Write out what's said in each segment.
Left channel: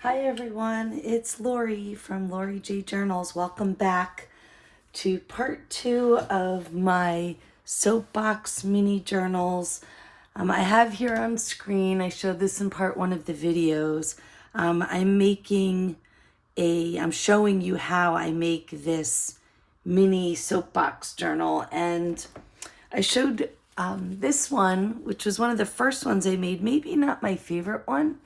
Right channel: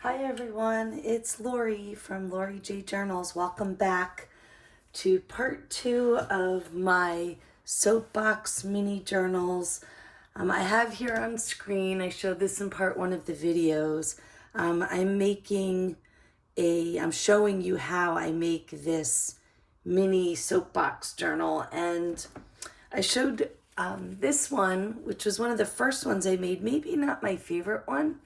Hi everyone, it's Lori from Lori J Journals. Welcome back to part 2 of my Soapbox mini journals. I have here on screen, I showed this in part 1 of the videos. I'm showing you how I make this mini soapbox journal, and I showed this one, which was one of the first ones I made, maybe not my favorite one,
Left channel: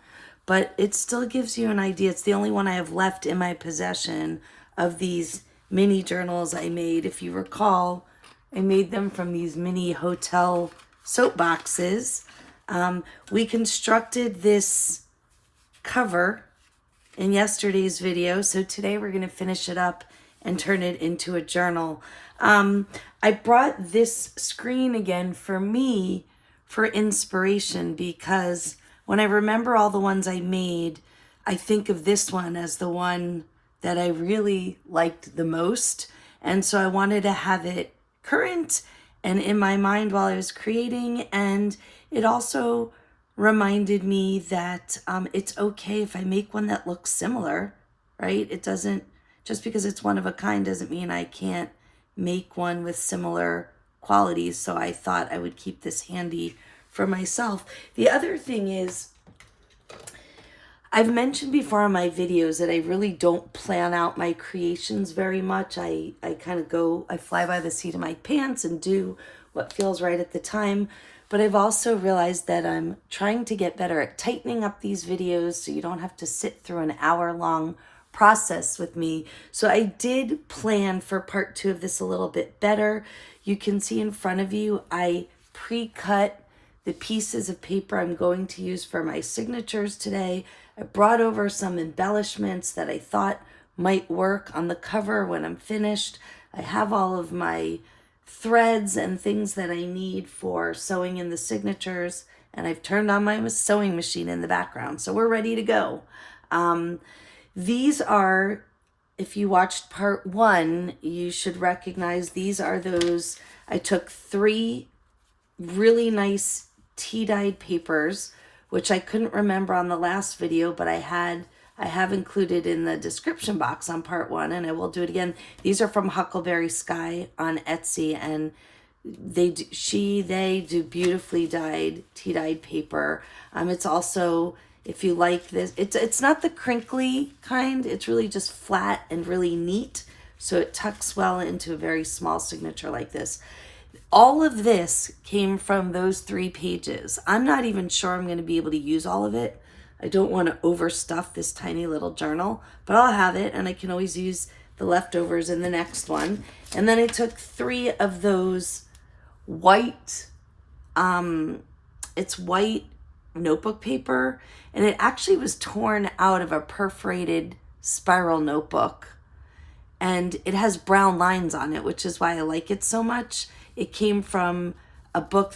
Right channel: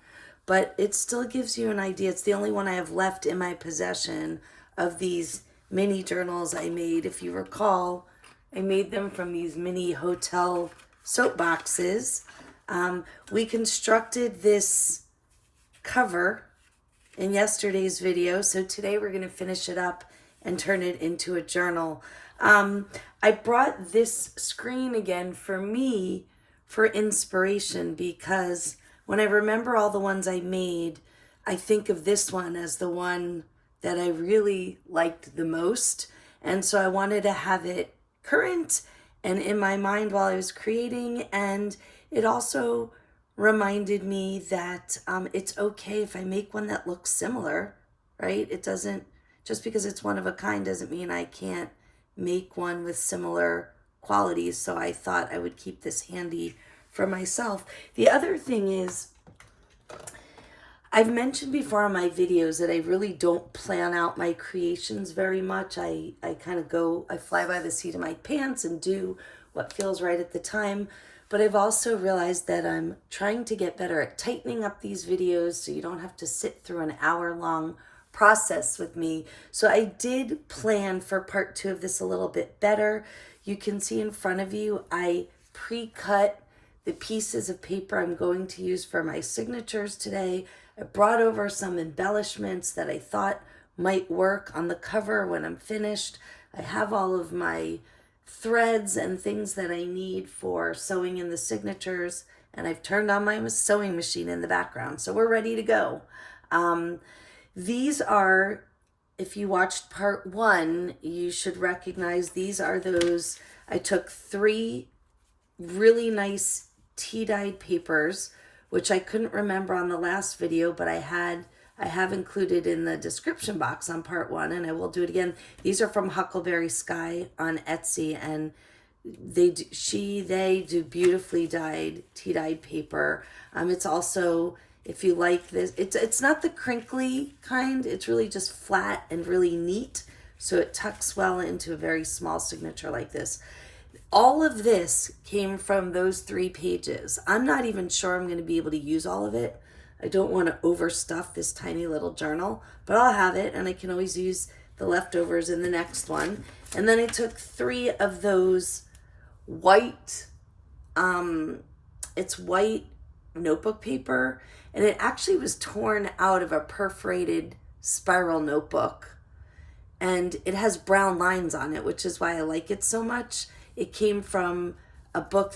but it still gives you an idea. It's the only one I have left in my possession of these mini journals I made. If you recall, I made them from these mini hotel soap boxes. We constructed this cover in yesterday's video, so today we're going to finish it up and turn it into a journal. I brought this screen again for me for inspiration because when I remember all the ones I made, I think of this one as the one that I really liked the most. And so I wanted to have it current and in my mind while I was creating. And it also reminded me that it's okay if I make one that looks similar, right? It doesn't, just because it's one of a kind doesn't mean I can't make one with similar qualities. So I thought I would keep this handy for myself. The other thing is, I've mentioned before in my videos that I really don't plan out my creations very much. I kind of I fly by the seat of my pants and do what feels right at the time. But I've also realized that I'm trying to get better at tightening up these videos so you don't have to sit through an hour-long process with me. So I did plan for part 2 of this a little bit better. You can see in front of you, I pre-cut the pieces of paper I'm going to use for my signatures today. I brought over some embellishments that I thought might work on the cover when I'm finished. I have all of my threads and things that I need for sewing in the signatures, and I've turned on my sewing machine in the background, so we're ready to go. These are, if you watched part 1, you should recognize these are those. I took 3 really nice tea-dyed papers, which I couldn't remember on the last video, but I have included in the description box on part 1, and I will do it again. These are from Huckleberry Sky on Etsy, and they do beautifully dyed tea-dyed paper. It's also, if you like this, it's not the crinkly kind. It's really just flat and really neat, so it tucks well into a very small signature like this. All of this came from those 3 pages. I'm not even sure I'm going to be able to use all of it. I don't want to overstuff this tiny little journal, but I'll have it, and I can always use the leftovers in the next one. And then I took 3 of those white, it's white notebook paper, and it actually was torn out of a perforated spiral notebook. And it has brown lines on it, which is why I like it so much. It came from a notebook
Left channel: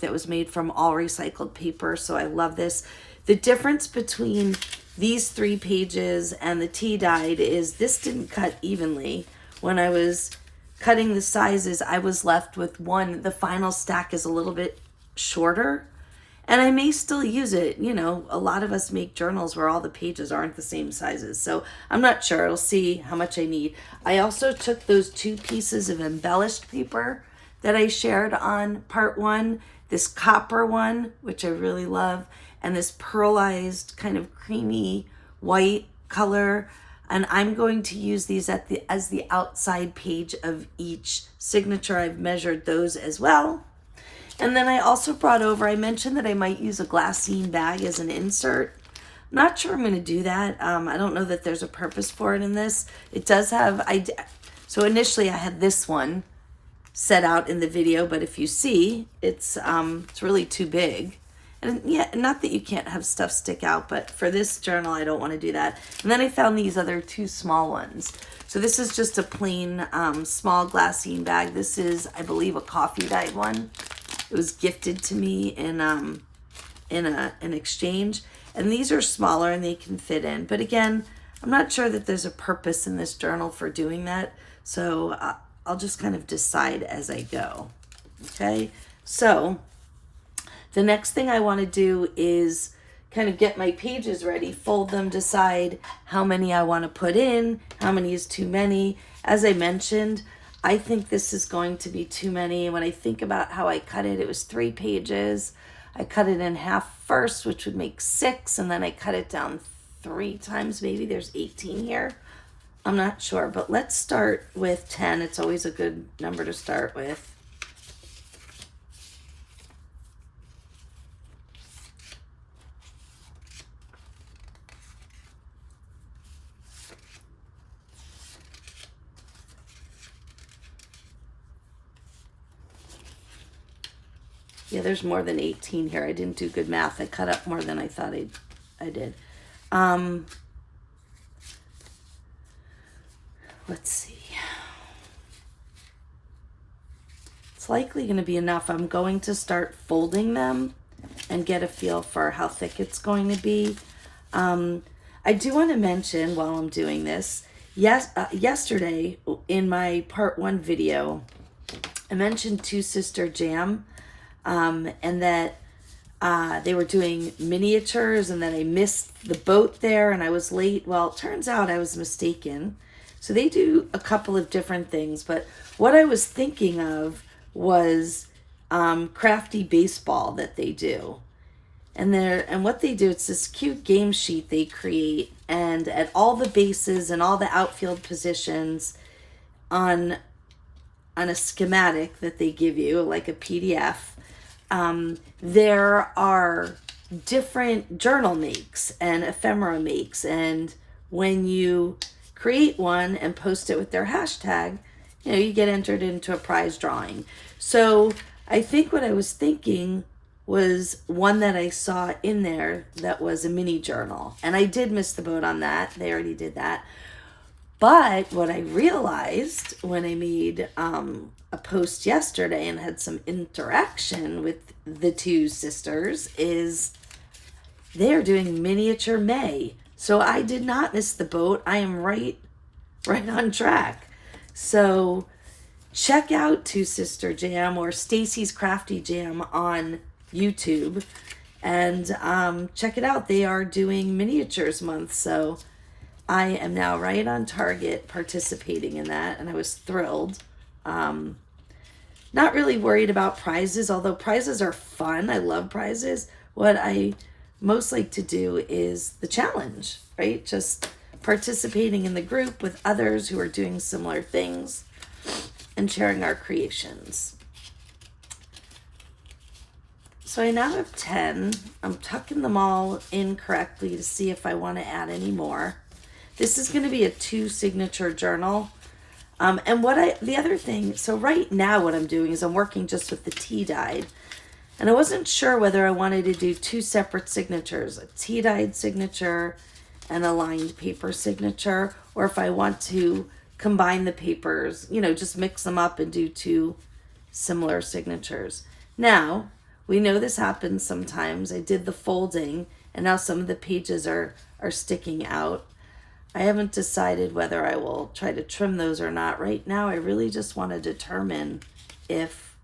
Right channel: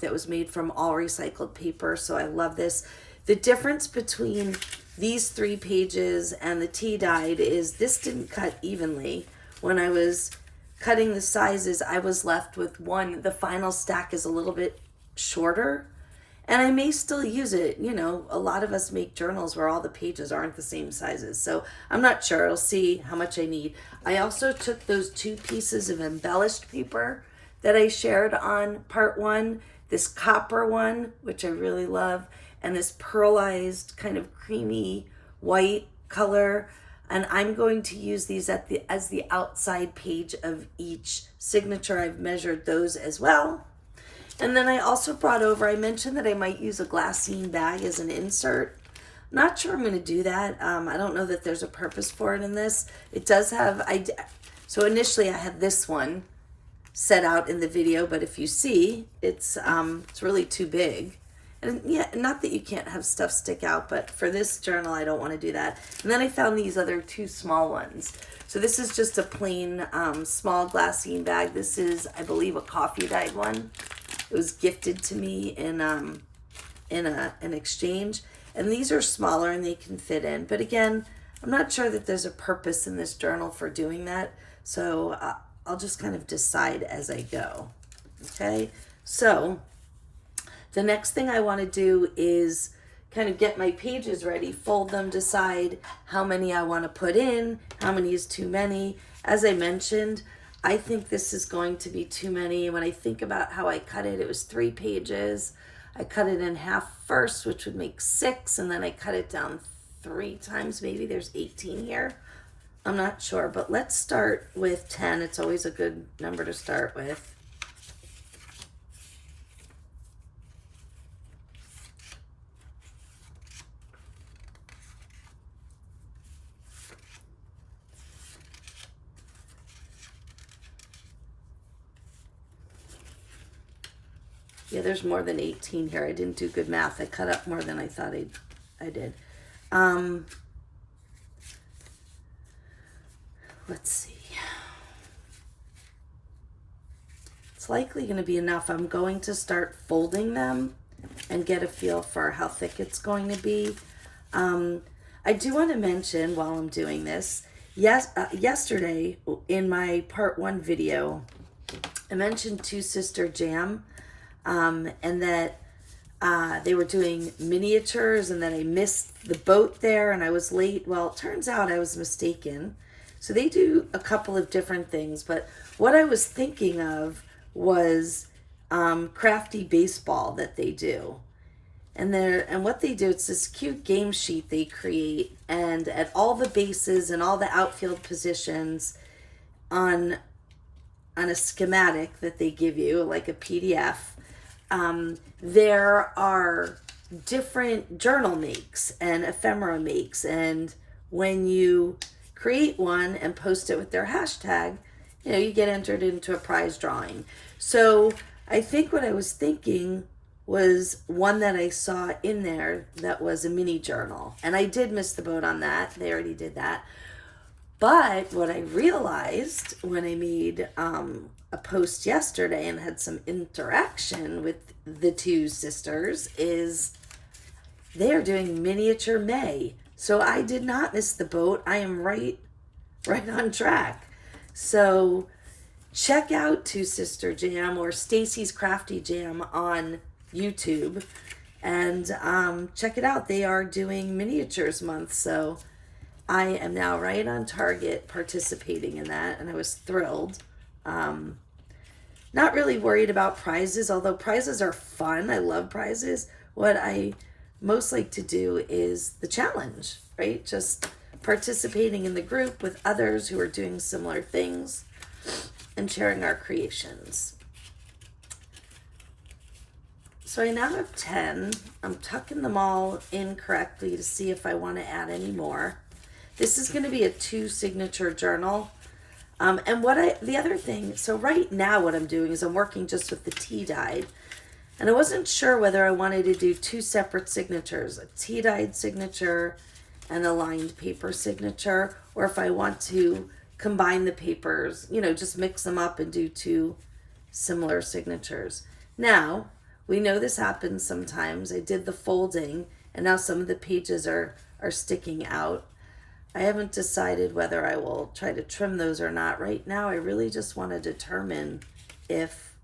that was made from all recycled paper, so I love this. The difference between these 3 pages and the tea dyed is this didn't cut evenly. When I was cutting the sizes, I was left with one. The final stack is a little bit shorter, and I may still use it. You know, a lot of us make journals where all the pages aren't the same sizes, so I'm not sure. I'll see how much I need. I also took those 2 pieces of embellished paper that I shared on part 1, this copper one, which I really love, and this pearlized kind of creamy white color. And I'm going to use these as the outside page of each signature. I've measured those as well. And then I also brought over, I mentioned that I might use a glassine bag as an insert. I'm not sure I'm going to do that. I don't know that there's a purpose for it in this. It does have, so initially I had this one set out in the video, but if you see, it's really too big. And yeah, not that you can't have stuff stick out, but for this journal, I don't want to do that. And then I found these other 2 small ones. So this is just a plain small glassine bag. This is, I believe, a coffee dyed one. It was gifted to me in an exchange. And these are smaller and they can fit in. But again, I'm not sure that there's a purpose in this journal for doing that. So I'll just kind of decide as I go. Okay, so the next thing I want to do is kind of get my pages ready, fold them, decide how many I want to put in, how many is too many. As I mentioned, I think this is going to be too many. When I think about how I cut it, it was 3 pages. I cut it in half first, which would make 6, and then I cut it down 3 times. Maybe there's 18 here. I'm not sure, but let's start with 10. It's always a good number to start with. Yeah, there's more than 18 here. I didn't do good math. I cut up more than I thought I did. Let's see. It's likely going to be enough. I'm going to start folding them and get a feel for how thick it's going to be. I do want to mention while I'm doing this, yesterday in my part 1 video, I mentioned Two Sister Jam. And that they were doing miniatures, and then I missed the boat there and I was late. Well, it turns out I was mistaken. So they do a couple of different things, but what I was thinking of was crafty baseball that they do. And what they do, it's this cute game sheet they create, and at all the bases and all the outfield positions on a schematic that they give you, like a PDF, there are different journal makes and ephemera makes, and when you create one and post it with their hashtag, you get entered into a prize drawing. So I think what I was thinking was one that I saw in there that was a mini journal, and I did miss the boat on that. They already did that. But what I realized when I made a post yesterday and had some interaction with the two sisters is they are doing miniature May. So I did not miss the boat. I am right on track. So check out Two Sister Jam or Stacy's Crafty Jam on YouTube and check it out. They are doing miniatures month, so I am now right on target participating in that, and I was thrilled. Not really worried about prizes, although prizes are fun. I love prizes. What I most like to do is the challenge, right? Just participating in the group with others who are doing similar things and sharing our creations. So I now have 10. I'm tucking them all in correctly to see if I want to add any more. This is going to be a 2 signature journal. And the other thing, so right now what I'm doing is I'm working just with the tea dyed. And I wasn't sure whether I wanted to do 2 separate signatures, a tea dyed signature and a lined paper signature, or if I want to combine the papers, just mix them up and do 2 similar signatures. Now, we know this happens sometimes. I did the folding and now some of the pages are sticking out. I haven't decided whether I will try to trim those or not. Right now, I really just want to determine if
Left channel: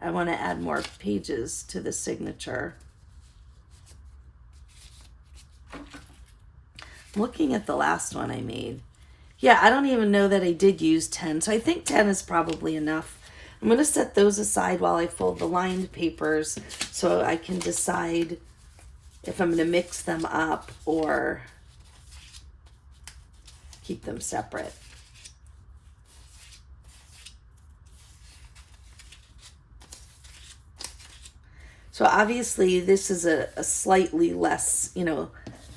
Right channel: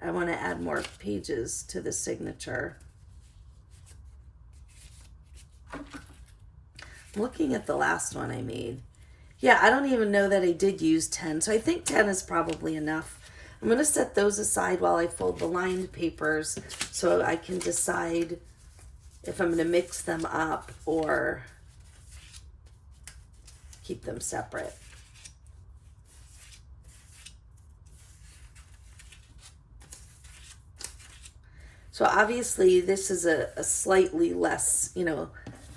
I want to add more pages to the signature. Looking at the last one I made. Yeah, I don't even know that I did use 10, so I think 10 is probably enough. I'm going to set those aside while I fold the lined papers so I can decide if I'm going to mix them up or keep them separate. So obviously this is a slightly less,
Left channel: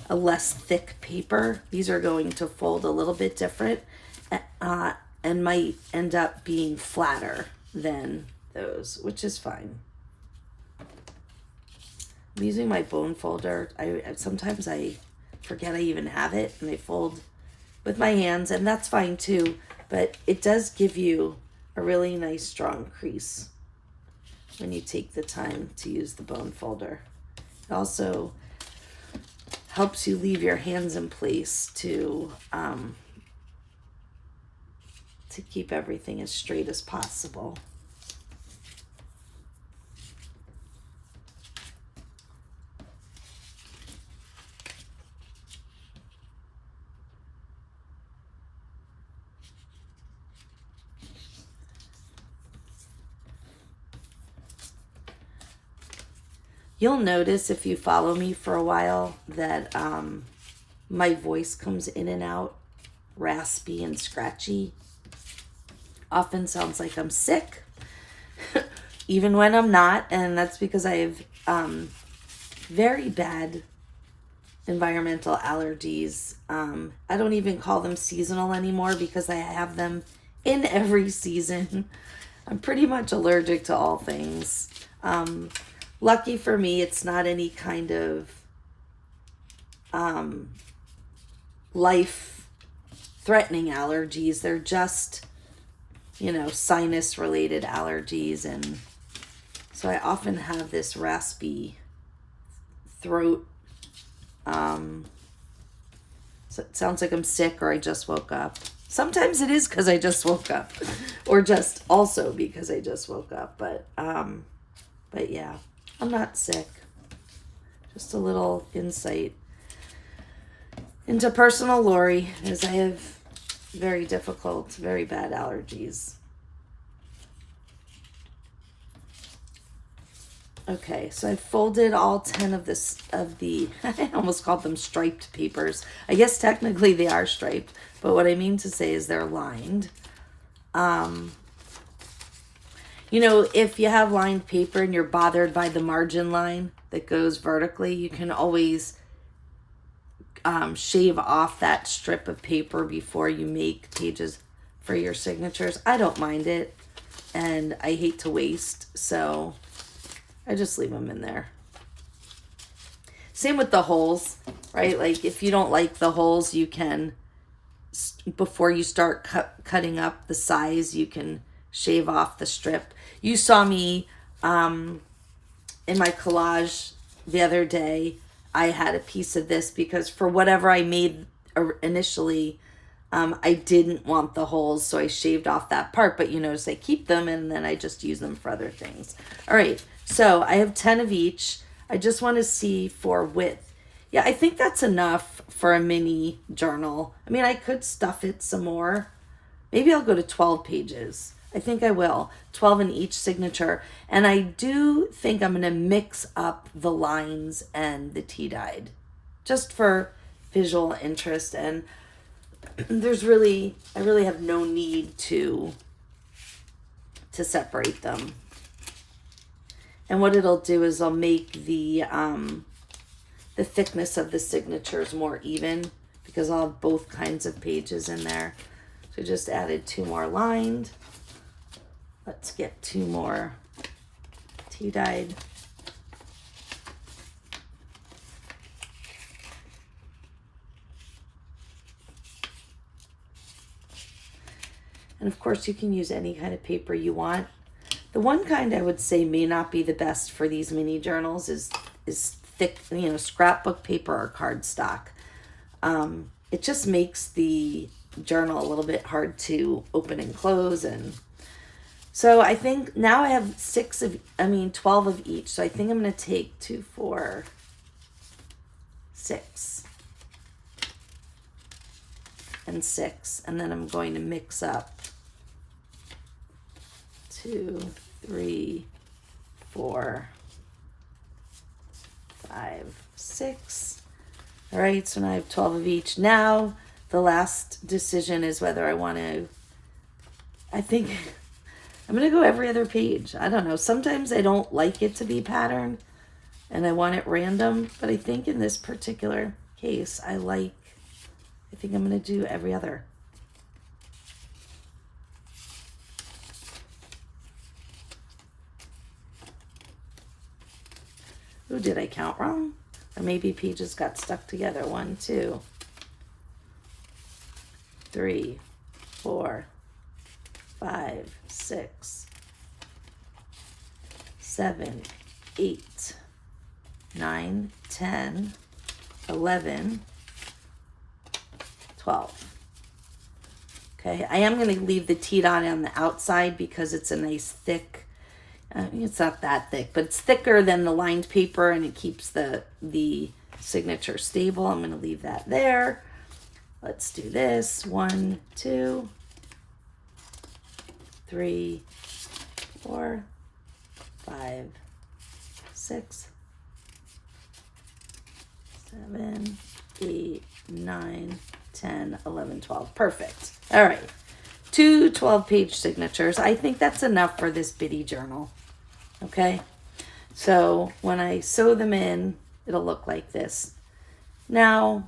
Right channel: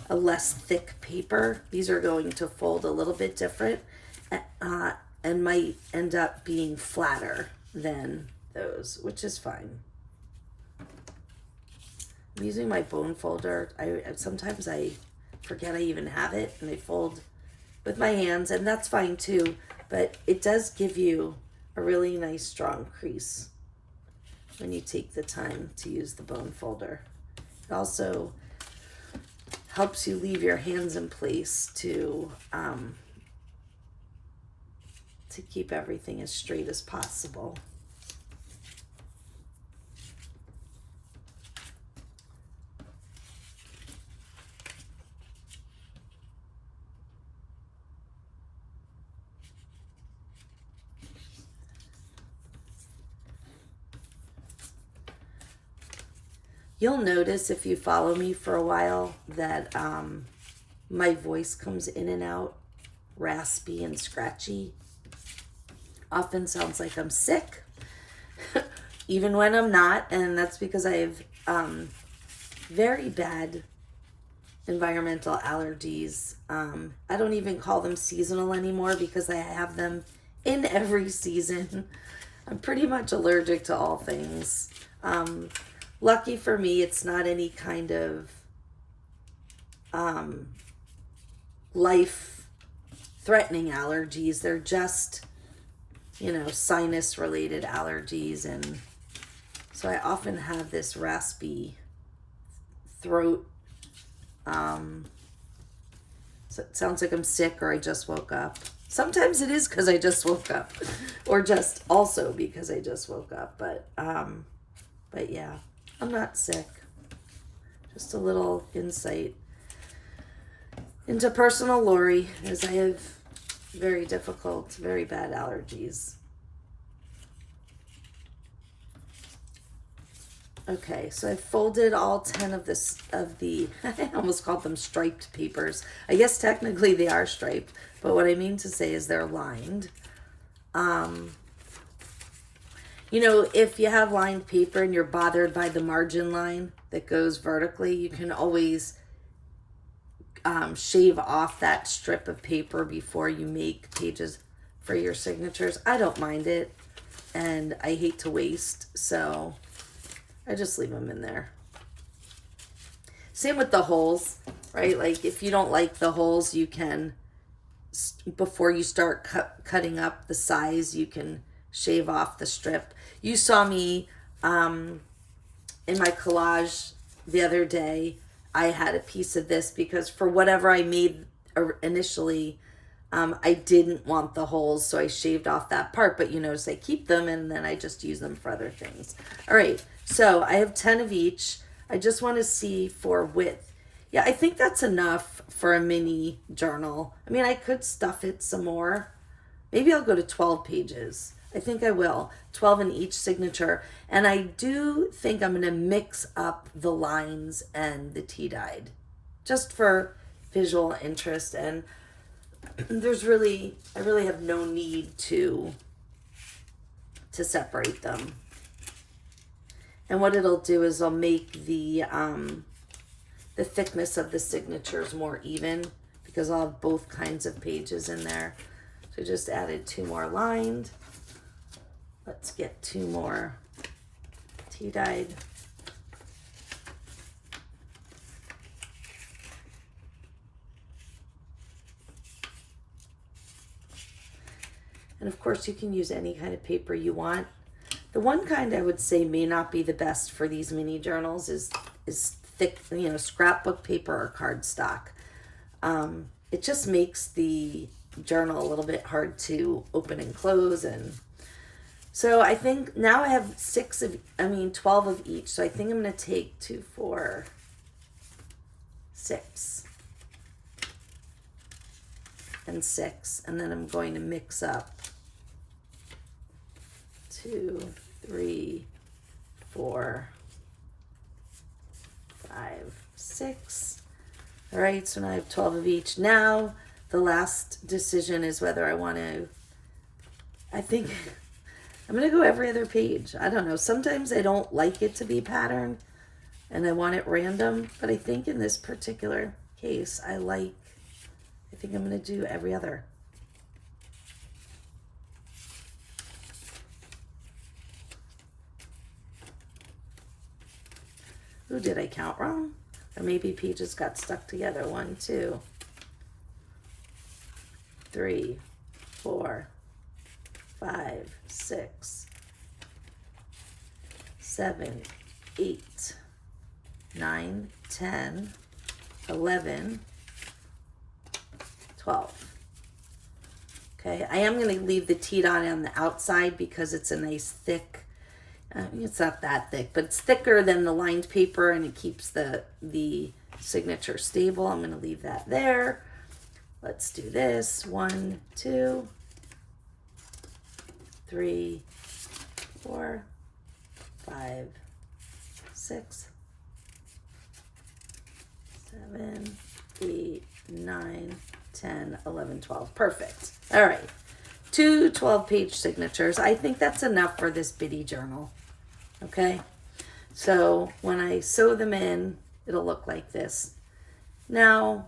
a less thick paper. These are going to fold a little bit different and might end up being flatter than those, which is fine. I'm using my bone folder. Sometimes I forget I even have it and I fold with my hands, and that's fine too, but it does give you a really nice strong crease when you take the time to use the bone folder. It also helps you leave your hands in place to keep everything as straight as possible. You'll notice if you follow me for a while that my voice comes in and out, raspy and scratchy. Often sounds like I'm sick, even when I'm not, and that's because I have very bad environmental allergies. I don't even call them seasonal anymore because I have them in every season. I'm pretty much allergic to all things. Lucky for me, it's not any kind of life-threatening allergies. They're just, sinus-related allergies. And so I often have this raspy throat. So it sounds like I'm sick or I just woke up. Sometimes it is because I just woke up, or just also because I just woke up. But yeah, I'm not sick. Just a little insight into personal Lori, as I have very difficult, very bad allergies. Okay, so I folded all 10 of the, I almost called them striped papers. I guess technically they are striped, but what I mean to say is they're lined. If you have lined paper and you're bothered by the margin line that goes vertically, you can always shave off that strip of paper before you make pages for your signatures. I don't mind it, and I hate to waste, so I just leave them in there. Same with the holes, right? Like if you don't like the holes, you can, before you start cutting up the size, you can shave off the strip. You saw me in my collage the other day. I had a piece of this because for whatever I made initially, I didn't want the holes, so I shaved off that part. But you notice I keep them, and then I just use them for other things. All right, so I have 10 of each. I just want to see for width. Yeah, I think that's enough for a mini journal. I mean, I could stuff it some more. Maybe I'll go to 12 pages. I think I will. 12 in each signature. And I do think I'm going to mix up the lines and the tea-dyed, just for visual interest. And I really have no need to separate them. And what it'll do is I'll make the thickness of the signatures more even, because I'll have both kinds of pages in there. So just added 2 more lined. Let's get 2 more tea-dyed. And of course you can use any kind of paper you want. The one kind I would say may not be the best for these mini journals is thick, scrapbook paper or cardstock. It just makes the journal a little bit hard to open and close. And so I think now I have 12 of each. So I think I'm going to take 2, 4, 6, and 6. And then I'm going to mix up 2, 3, 4, 5, 6. All right, so now I have 12 of each. Now the last decision is whether I think I'm going to go every other page. I don't know. Sometimes I don't like it to be patterned and I want it random, but I think in this particular case, I think I'm going to do every other. Ooh, did I count wrong? Or maybe pages got stuck together. 1, 2, 3, 4, 5, 6, 7, 8, 9, 10, 11, 12. Okay, I am going to leave the tea dye on the outside because it's a nice thick, it's not that thick, but it's thicker than the lined paper and it keeps the signature stable. I'm going to leave that there. Let's do this. 1, 2, 3, 4, 5, 6, 7, 8, 9, 10, 11, 12. Perfect. All right. 2 12-page signatures. I think that's enough for this bitty journal. Okay. So when I sew them in, it'll look like this. Now,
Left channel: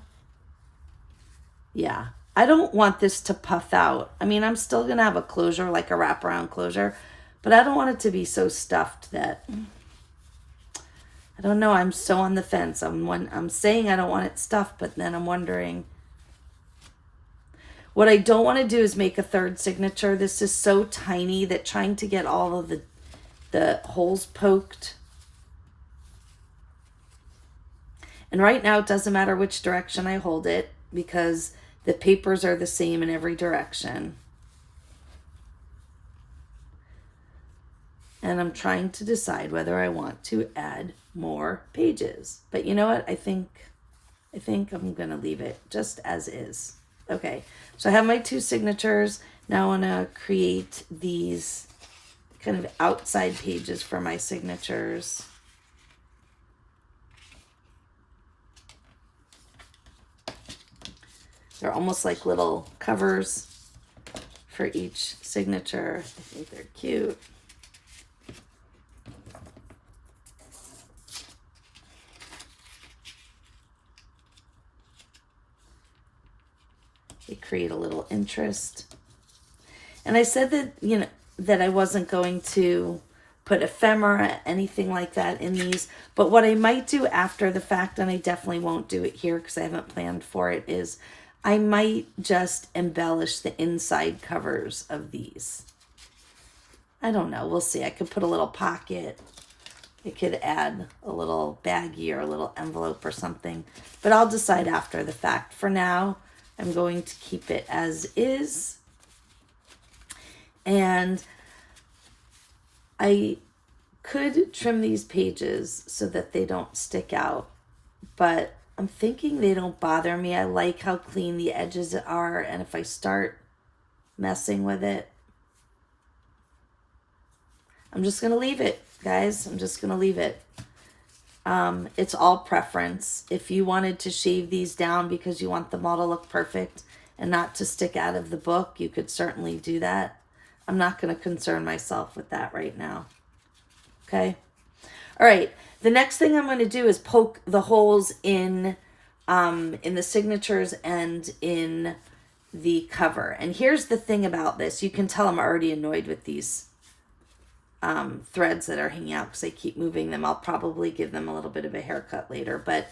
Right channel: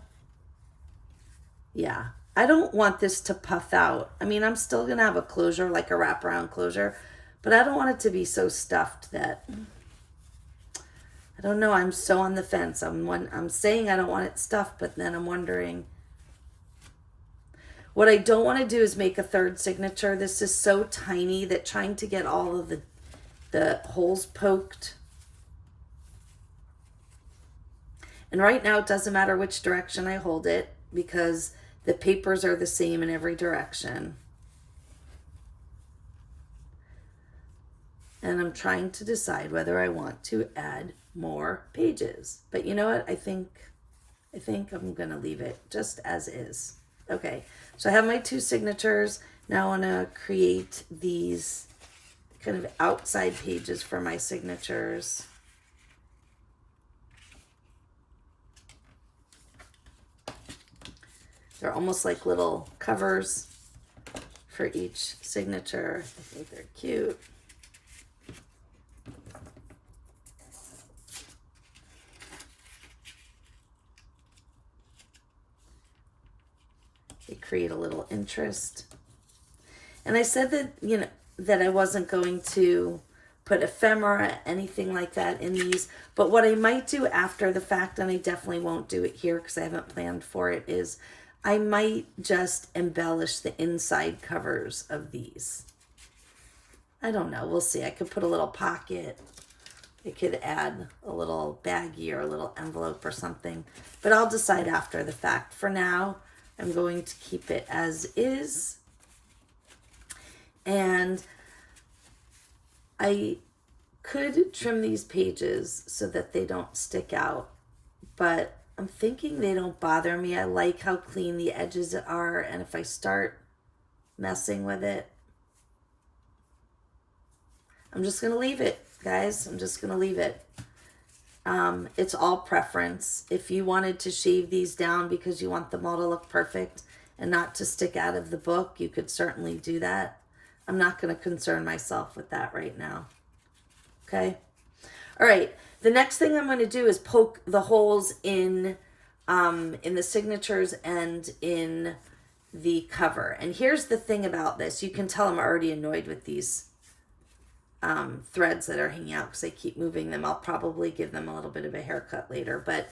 yeah, I don't want this to puff out. I mean, I'm still going to have a closure, like a wraparound closure, but I don't want it to be so stuffed that, I don't know, I'm so on the fence. I'm saying I don't want it stuffed, but then I'm wondering. What I don't want to do is make a third signature. This is so tiny that trying to get all of the holes poked. And right now it doesn't matter which direction I hold it because the papers are the same in every direction. And I'm trying to decide whether I want to add more pages. But you know what? I think I'm going to leave it just as is. Okay, so I have my 2 signatures. Now I want to create these kind of outside pages for my signatures. They're almost like little covers for each signature. I think they're cute. They create a little interest. And I said that, you know, that I wasn't going to put ephemera, anything like that in these. But what I might do after the fact, and I definitely won't do it here because I haven't planned for it, is I might just embellish the inside covers of these. I don't know. We'll see. I could put a little pocket. I could add a little baggie or a little envelope or something. But I'll decide after the fact. For now, I'm going to keep it as is. And I could trim these pages so that they don't stick out. But I'm thinking they don't bother me. I like how clean the edges are. And if I start messing with it, I'm just going to leave it, guys. I'm just going to leave it. It's all preference. If you wanted to shave these down because you want them all to look perfect and not to stick out of the book, you could certainly do that. I'm not going to concern myself with that right now. Okay. All right. The next thing I'm going to do is poke the holes in the signatures and in the cover. And here's the thing about this. You can tell I'm already annoyed with these threads that are hanging out because I keep moving them. I'll probably give them a little bit of a haircut later, but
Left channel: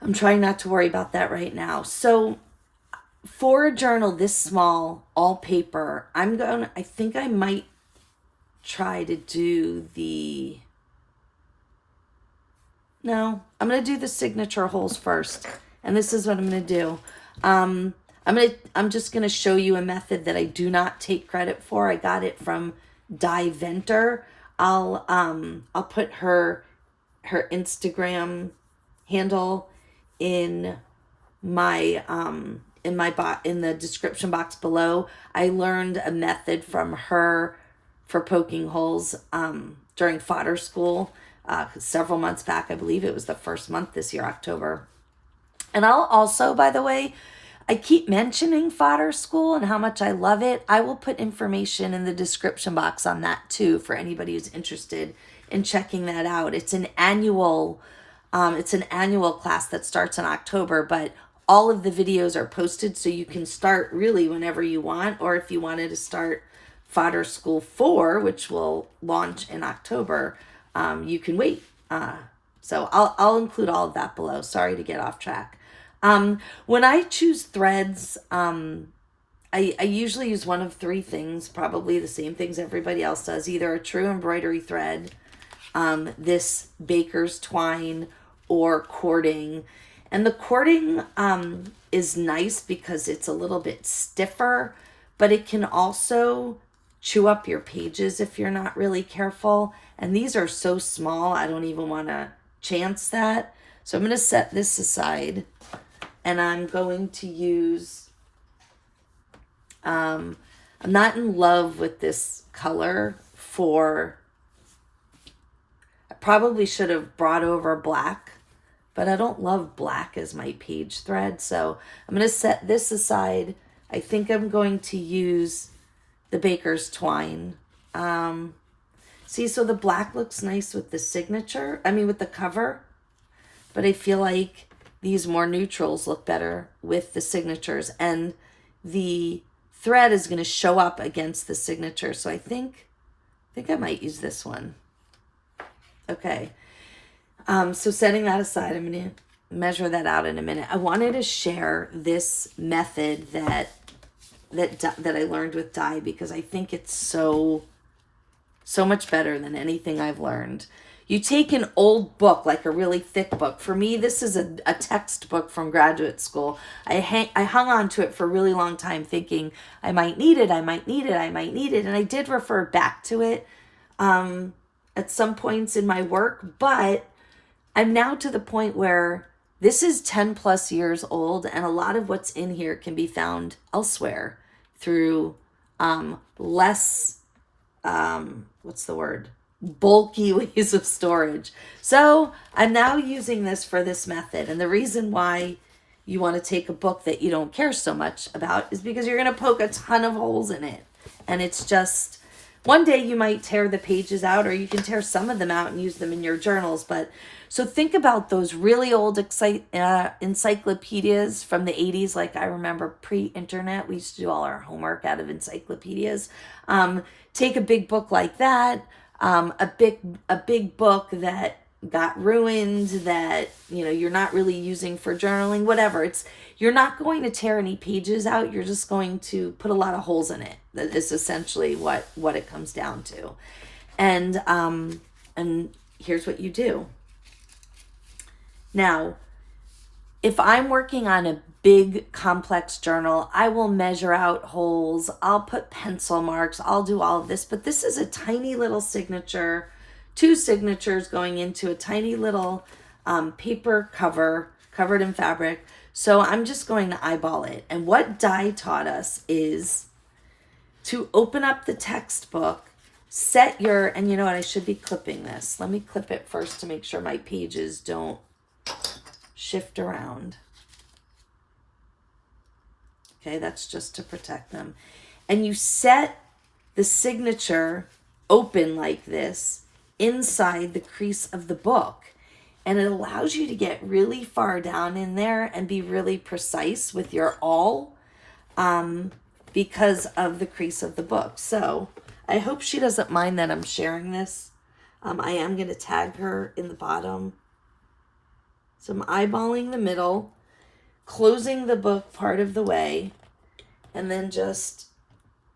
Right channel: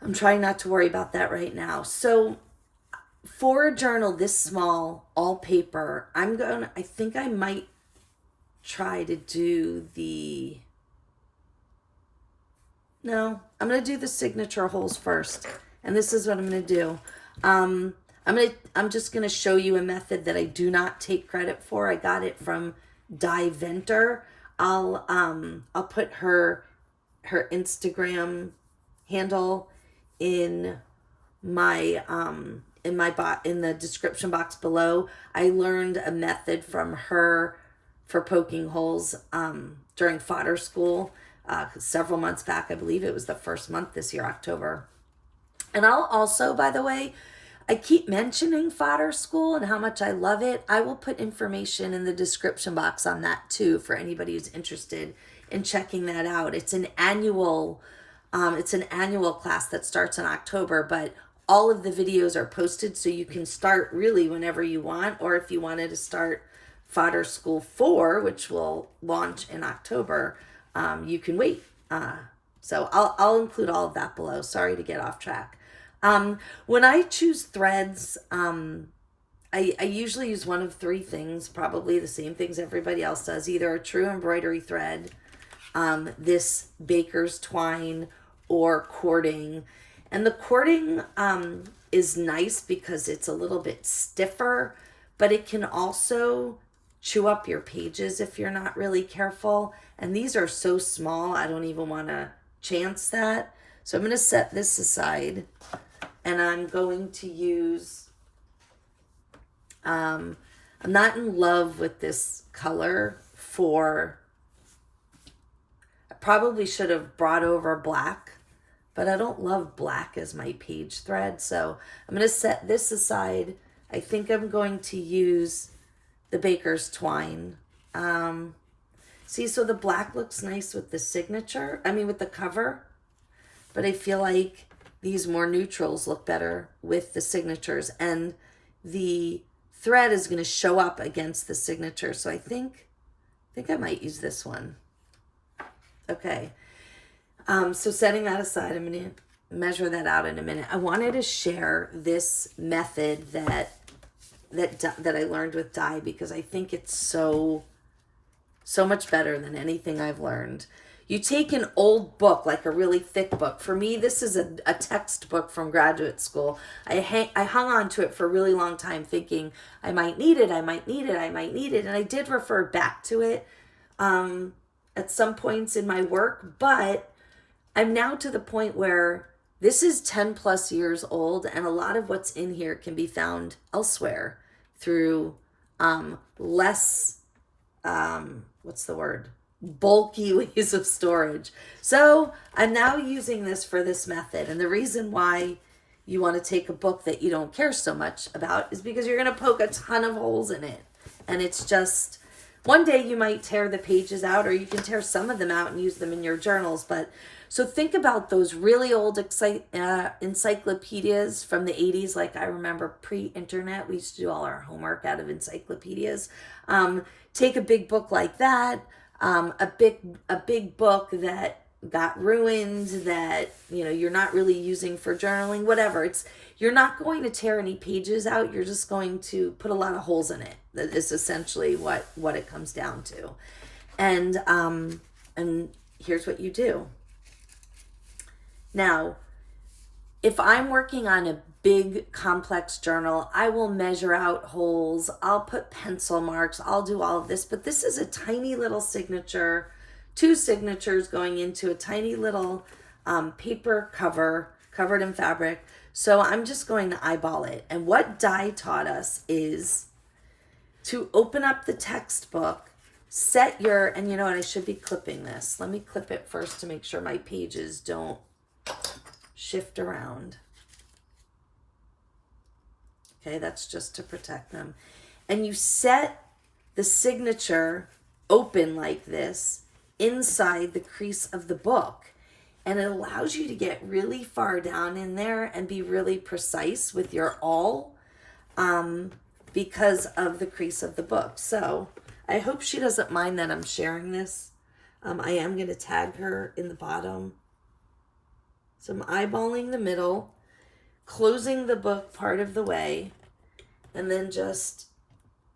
I'm trying not to worry about that right now. So for a journal this small, all paper, I think I might try to do I'm going to do the signature holes first. And this is what I'm going to do. I'm just going to show you a method that I do not take credit for. I got it from Dye Venter. I'll put her Instagram handle in my in the description box below. I learned a method from her for poking holes during Fodder School several months back. I believe it was the first month this year, October. And I'll also, by the way, I keep mentioning Fodder School and how much I love it. I will put information in the description box on that too for anybody who's interested in checking that out. It's an annual class that starts in October, but all of the videos are posted so you can start really whenever you want, or if you wanted to start Fodder School 4, which will launch in October, you can wait. So I'll include all of that below. Sorry to get off track. When I choose threads, I usually use one of 3 things, probably the same things everybody else does, either a true embroidery thread, this baker's twine, or cording. And the cording is nice because it's a little bit stiffer, but it can also chew up your pages if you're not really careful. And these are so small, I don't even want to chance that. So I'm going to set this aside. And I'm going to use, I'm not in love with this color I probably should have brought over black, but I don't love black as my page thread. So I'm going to set this aside. I think I'm going to use the baker's twine. See, so the black looks nice with the signature, with the cover, but I feel like these more neutrals look better with the signatures, and the thread is going to show up against the signature. So I think I might use this one. Okay. So setting that aside, I'm going to measure that out in a minute. I wanted to share this method that I learned with dye, because I think it's so much better than anything I've learned. You take an old book, like a really thick book. For me, this is a textbook from graduate school. I hung on to it for a really long time thinking I might need it, and I did refer back to it at some points in my work, but I'm now to the point where this is 10 plus years old, and a lot of what's in here can be found elsewhere through less, bulky ways of storage. So I'm now using this for this method. And the reason why you want to take a book that you don't care so much about is because you're going to poke a ton of holes in it. And it's just, one day you might tear the pages out, or you can tear some of them out and use them in your journals. But so think about those really old encyclopedias from the 80s. Like, I remember pre-internet, we used to do all our homework out of encyclopedias. Take a big book like that, a big book that got ruined, that you're not really using for journaling, whatever. You're not going to tear any pages out. You're just going to put a lot of holes in it. That is essentially what it comes down to. And here's what you do. Now, if I'm working on a big complex journal, I will measure out holes. I'll put pencil marks. I'll do all of this. But this is a tiny little signature, 2 signatures going into a tiny little paper cover covered in fabric. So I'm just going to eyeball it. And what dye taught us is to open up the textbook, set your, and I should be clipping this. Let me clip it first to make sure my pages don't shift around. Okay, that's just to protect them. And you set the signature open like this inside the crease of the book. And it allows you to get really far down in there and be really precise with your awl because of the crease of the book. So I hope she doesn't mind that I'm sharing this. I am going to tag her in the bottom. So I'm eyeballing the middle, closing the book part of the way, and then just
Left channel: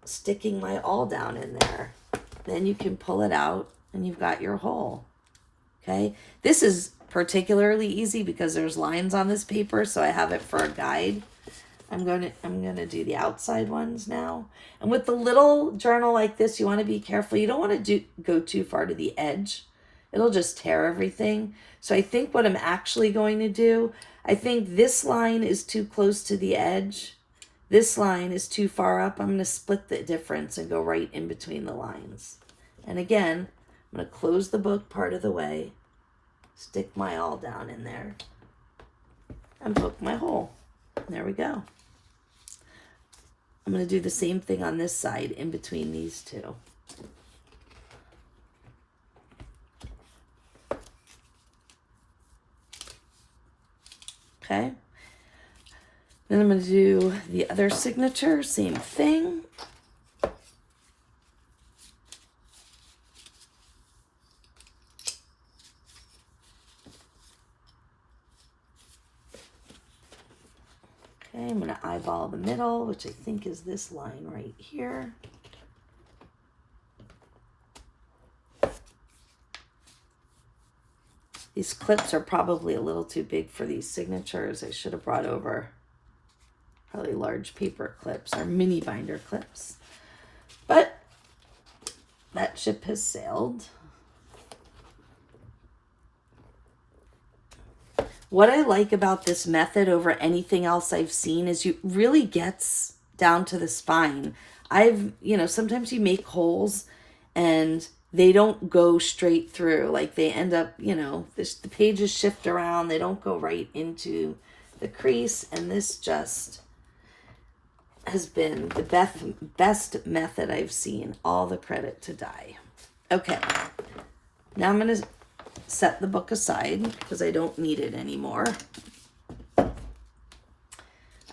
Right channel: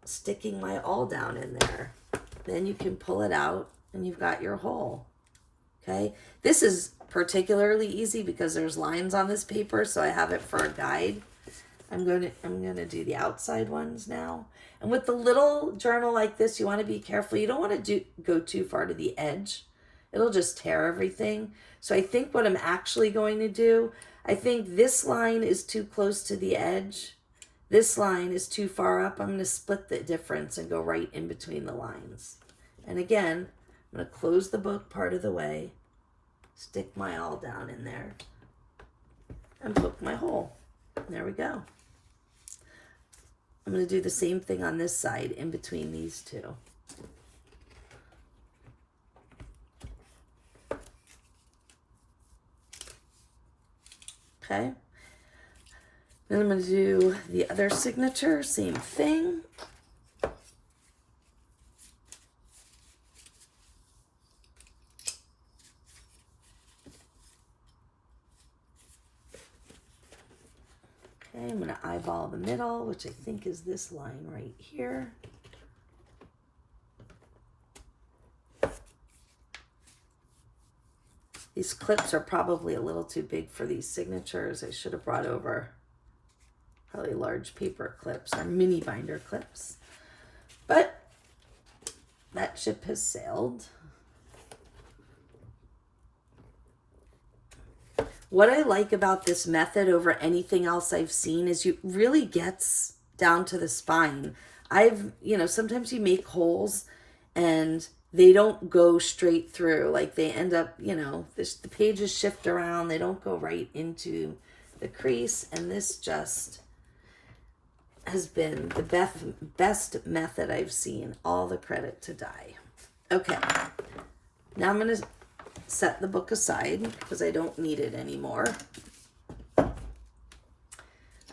sticking my awl down in there. Then you can pull it out and you've got your hole. Okay, this is particularly easy because there's lines on this paper, so I have it for a guide. I'm gonna do the outside ones now. And with the little journal like this, you want to be careful. You don't want to go too far to the edge. It'll just tear everything. So I think what I'm actually going to do, I think this line is too close to the edge. This line is too far up. I'm going to split the difference and go right in between the lines. And again, I'm going to close the book part of the way, stick my awl down in there, and poke my hole. There we go. I'm going to do the same thing on this side in between these two. Okay. Then I'm going to do the other signature, same thing. Okay, I'm going to eyeball the middle, which I think is this line right here. These clips are probably a little too big for these signatures. I should have brought over probably large paper clips or mini binder clips. But that ship has sailed. What I like about this method over anything else I've seen is you really gets down to the spine. Sometimes you make holes and they don't go straight through. Like they end up, you know, the pages shift around. They don't go right into the crease. And this just has been the best method I've seen. All the credit to Dye. Okay. Now I'm going to set the book aside because I don't need it anymore.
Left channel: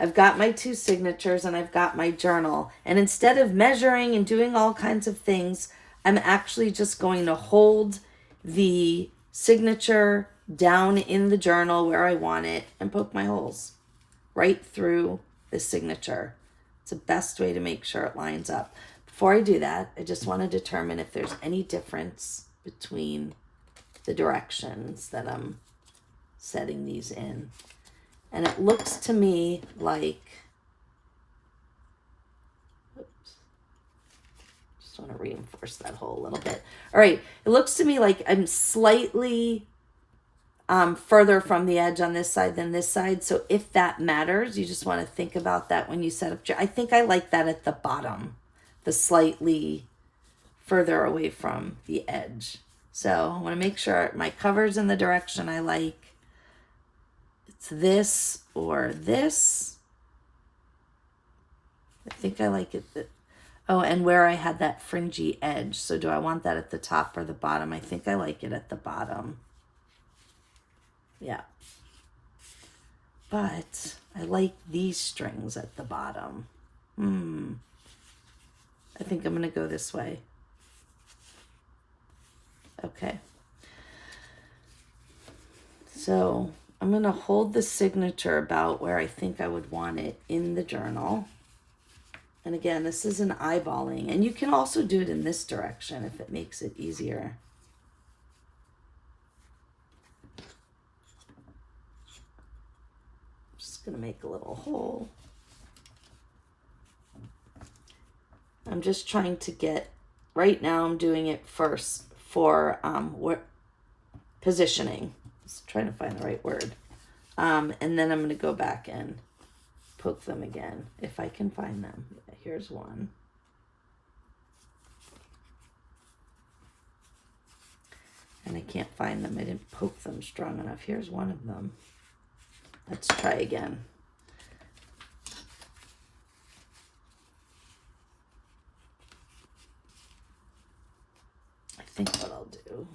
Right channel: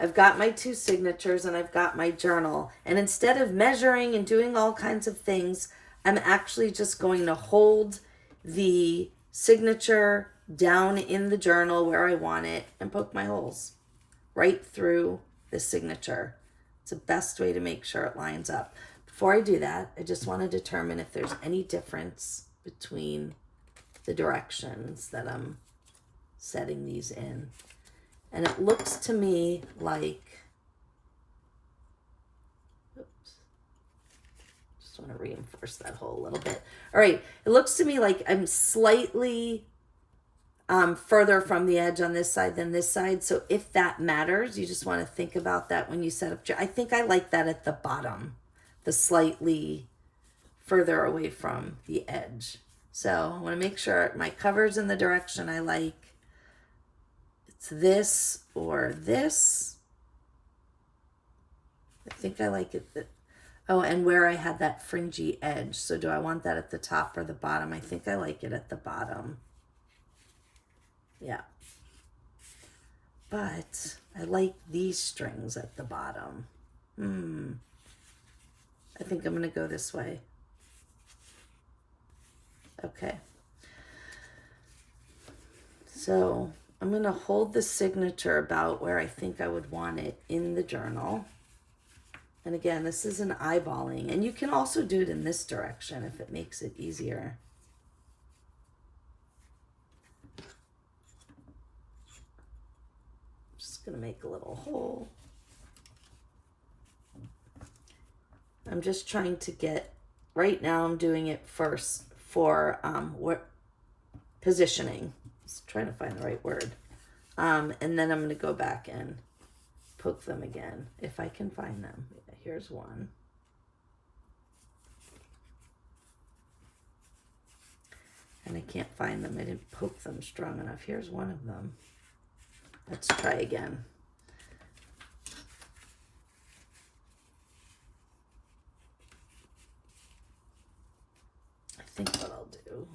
I've got my 2 signatures and I've got my journal. And instead of measuring and doing all kinds of things, I'm actually just going to hold the signature down in the journal where I want it and poke my holes right through the signature. It's the best way to make sure it lines up. Before I do that, I just want to determine if there's any difference between the directions that I'm setting these in. And it looks to me like, oops, just want to reinforce that hole a little bit. All right, it looks to me like I'm slightly further from the edge on this side than this side. So if that matters, you just want to think about that when you set up. I think I like that at the bottom, the slightly further away from the edge. So I want to make sure my cover's in the direction I like. It's this or this. I think I like it. Oh, and where I had that fringy edge. So do I want that at the top or the bottom? I think I like it at the bottom. Yeah. But I like these strings at the bottom. I think I'm going to go this way. Okay. So I'm going to hold the signature about where I think I would want it in the journal. And again, this is an eyeballing. And you can also do it in this direction if it makes it easier. Just going to make a little hole. I'm just trying to get, right now I'm doing it first for positioning. Just trying to find the right word. And then I'm going to go back and poke them again if I can find them. Yeah, here's one. And I can't find them. I didn't poke them strong enough. Here's one of them. Let's try again. I think what I'll do,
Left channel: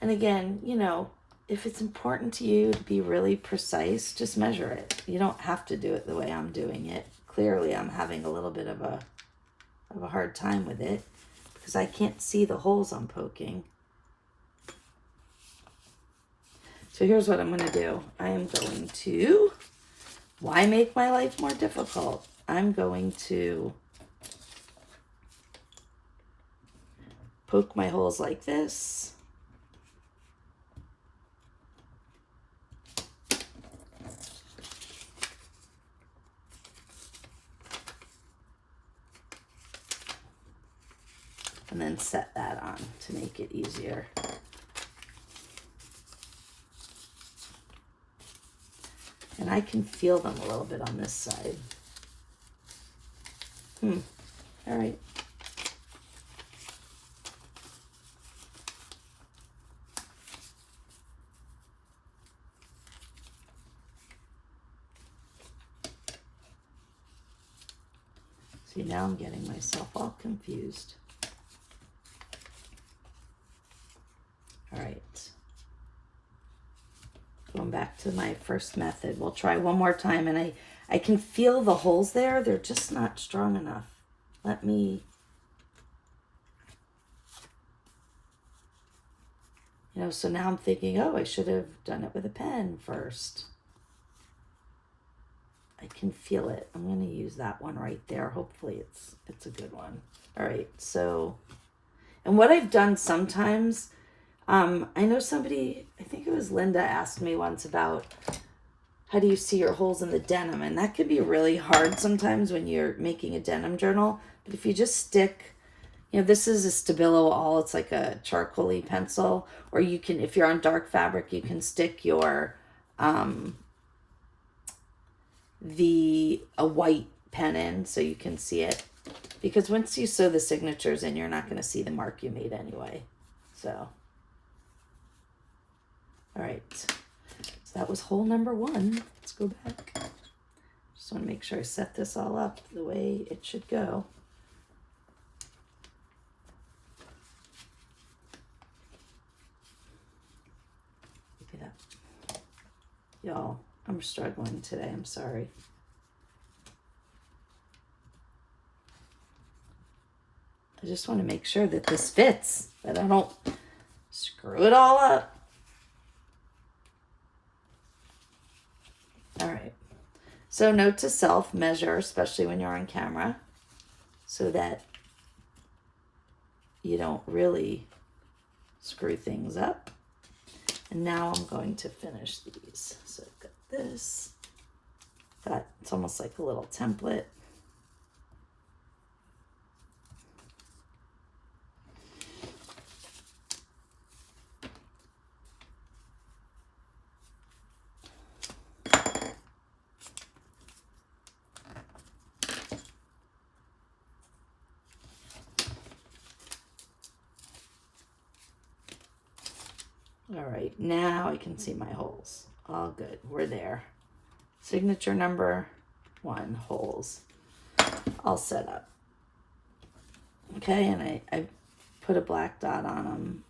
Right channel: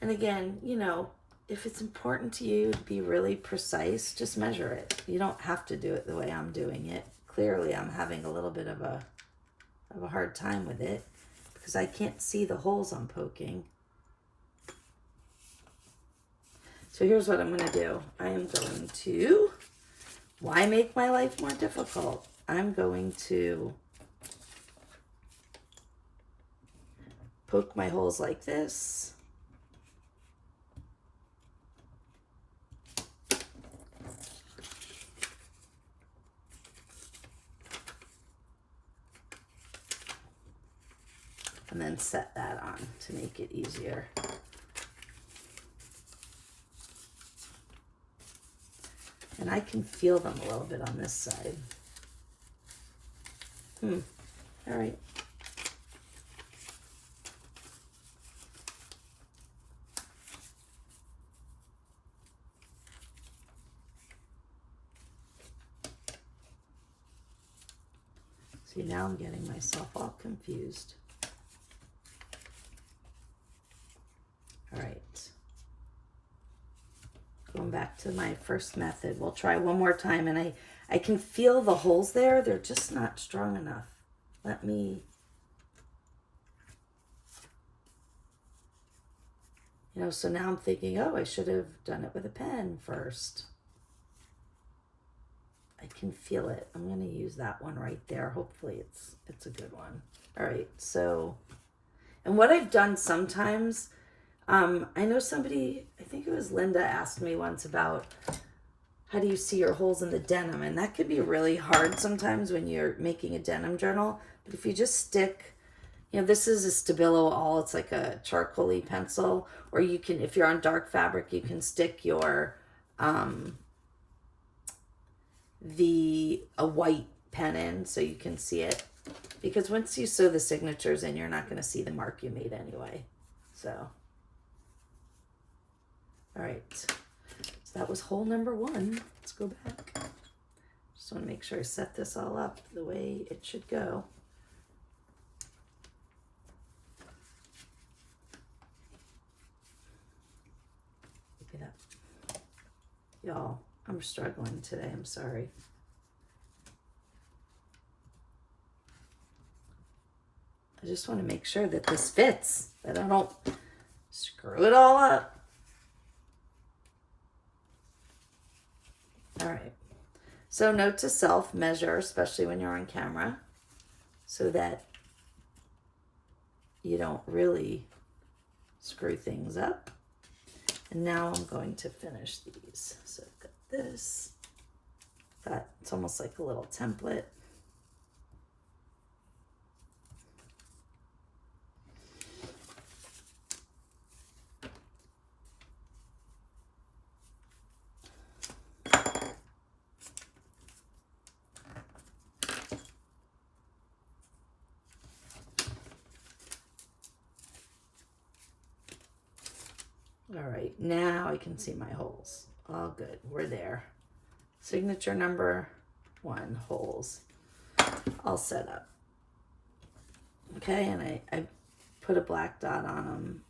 and again, you know, if it's important to you to be really precise, just measure it. You don't have to do it the way I'm doing it. Clearly, I'm having a little bit of a hard time with it because I can't see the holes I'm poking. So here's what I'm going to do. I am going to, why make my life more difficult? I'm going to poke my holes like this. And then set that on to make it easier. And I can feel them a little bit on this side. All right. See, now I'm getting myself all confused. All right. Going back to my first method. We'll try one more time, and I can feel the holes there. They're just not strong enough. Let me, you know, so now I'm thinking, oh, I should have done it with a pen first. I can feel it. I'm going to use that one right there. Hopefully it's a good one. All right, so, And what I've done sometimes, I know somebody, I think it was Linda, asked me once about how do you see your holes in the denim, and that could be really hard sometimes when you're making a denim journal. But if you just stick, this is a Stabilo All, it's like a charcoaly pencil, or you can, if you're on dark fabric, you can stick your a white pen in so you can see it, because once you sew the signatures in, you're not going to see the mark you made anyway. So all right, so that was hole number 1. Let's go back. Just want to make sure I set this all up the way it should go. Look at that. Y'all, I'm struggling today. I'm sorry. I just want to make sure that this fits, that I don't screw it all up. All right. So note to self, measure, especially when you're on camera, so that you don't really screw things up. And now I'm going to finish these. So I've got this. It's almost like a little template. All right, now I can see my holes. All good, we're there. Signature number 1, holes, all set up. Okay, and I put a black dot on them.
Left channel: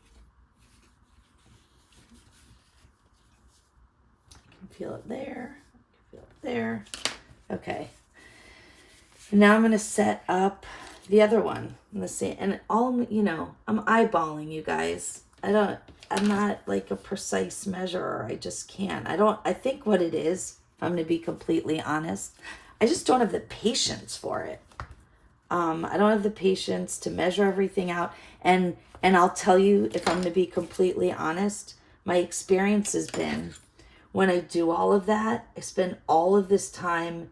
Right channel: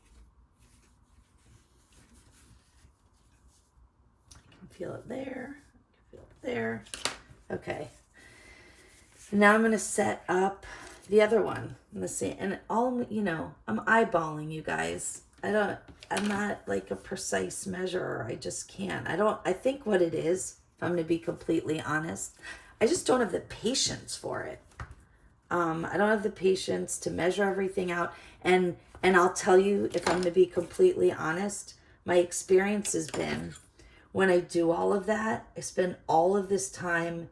I can feel it there, I can feel it there. Okay, and now I'm gonna set up the other one in the same, and all, I'm eyeballing, you guys. I'm not like a precise measurer. I just can't. I think what it is, if I'm going to be completely honest, I just don't have the patience for it. I don't have the patience to measure everything out. And I'll tell you, if I'm going to be completely honest, my experience has been when I do all of that, I spend all of this time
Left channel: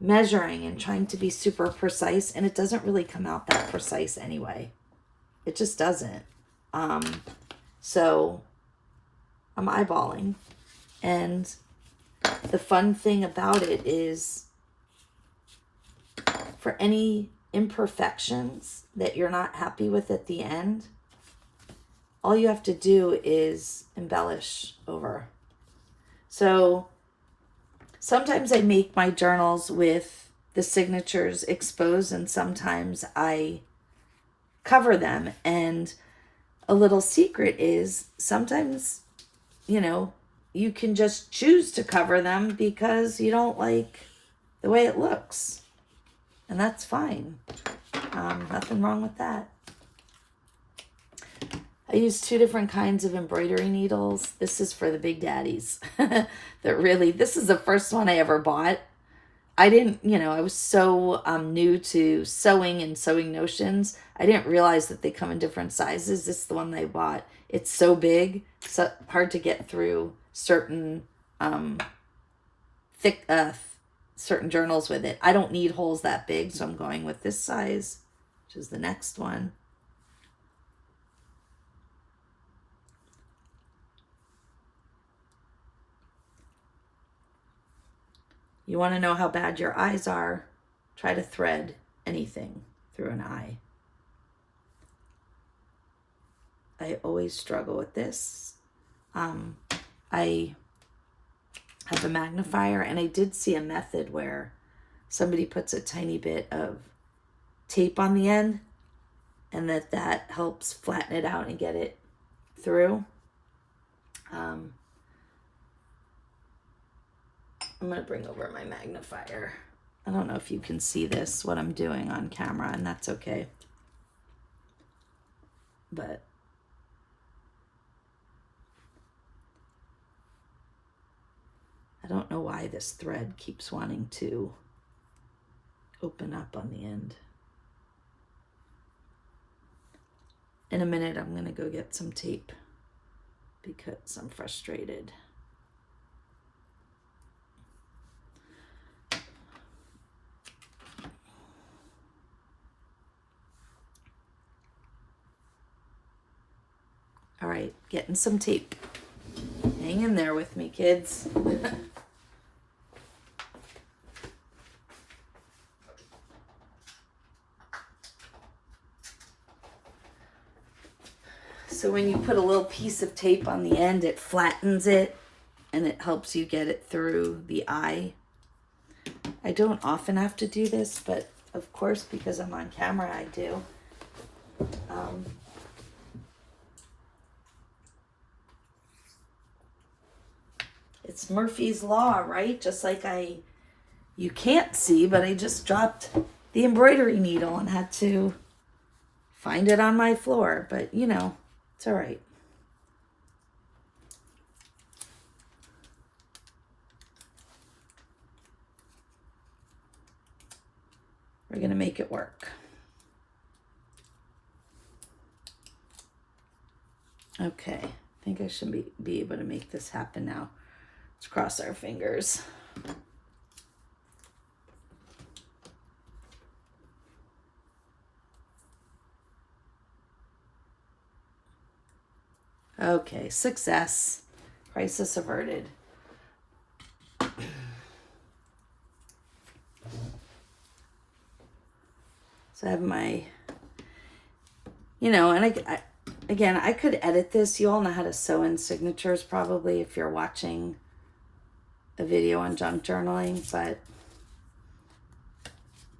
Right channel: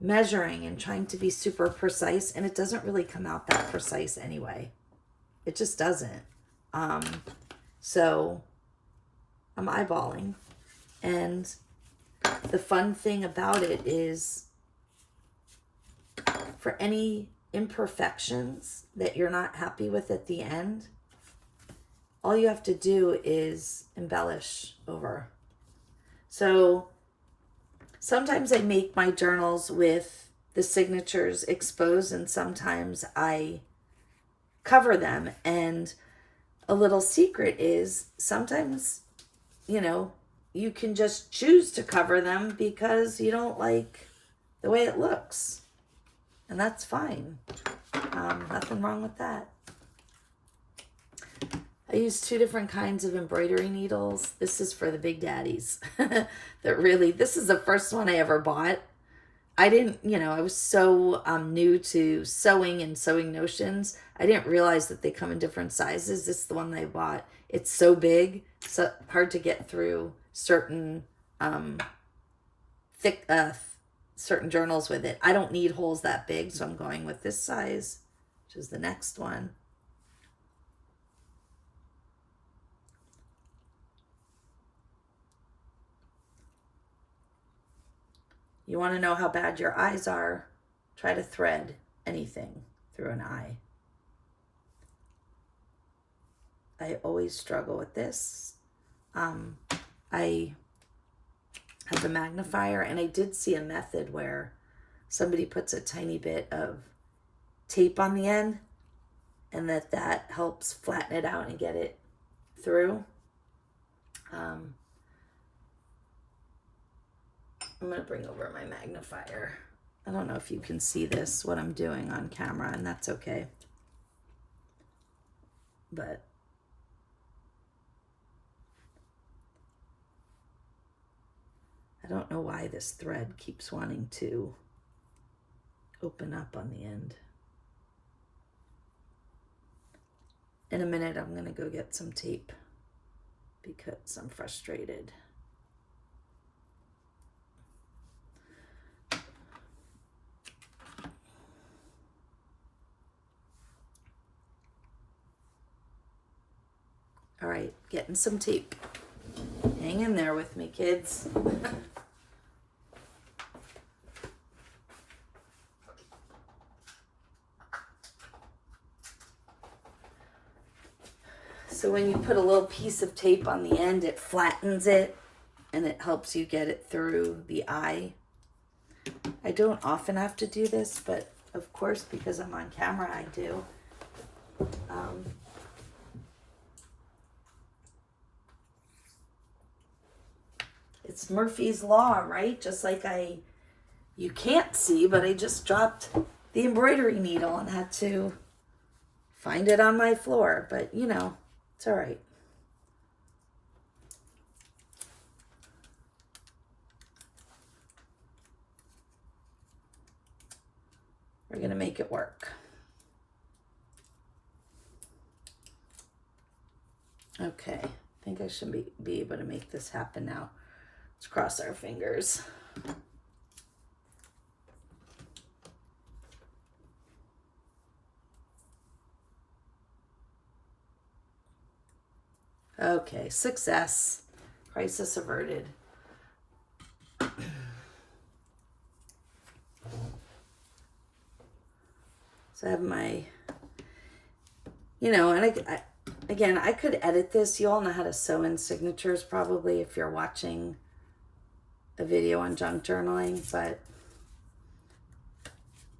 measuring and trying to be super precise, and it doesn't really come out that precise anyway. It just doesn't. So I'm eyeballing, and the fun thing about it is, for any imperfections that you're not happy with at the end, all you have to do is embellish over. So sometimes I make my journals with the signatures exposed, and sometimes I cover them. And a little secret is sometimes, you can just choose to cover them because you don't like the way it looks. And that's fine. Nothing wrong with that. I use 2 different kinds of embroidery needles. This is for the big daddies. This is the first one I ever bought. I didn't, I was so new to sewing and sewing notions. I didn't realize that they come in different sizes. This is the one I bought. It's so big, so hard to get through certain thick, certain journals with it. I don't need holes that big, so I'm going with this size, which is the next one. You want to know how bad your eyes are? Try to thread anything through an eye. I always struggle with this. I have a magnifier, and I did see a method where somebody puts a tiny bit of tape on the end, and that helps flatten it out and get it through. I'm going to bring over my magnifier. I don't know if you can see this, what I'm doing on camera, and that's okay. But I don't know why this thread keeps wanting to open up on the end. in a minute I'm going to go get some tape because I'm frustrated. All right, getting some tape. Hang in there with me, kids. So when you put a little piece of tape on the end, it flattens it and it helps you get it through the eye. I don't often have to do this, but of course, because I'm on camera, I do. It's Murphy's Law, right? Just like you can't see, but I just dropped the embroidery needle and had to find it on my floor. But, you know, it's all right. We're going to make it work. Okay, I think I should be able to make this happen now. Let's cross our fingers. Okay, success. Crisis averted. So I have my, and again, I could edit this. You all know how to sew in signatures probably if you're watching a video on junk journaling, but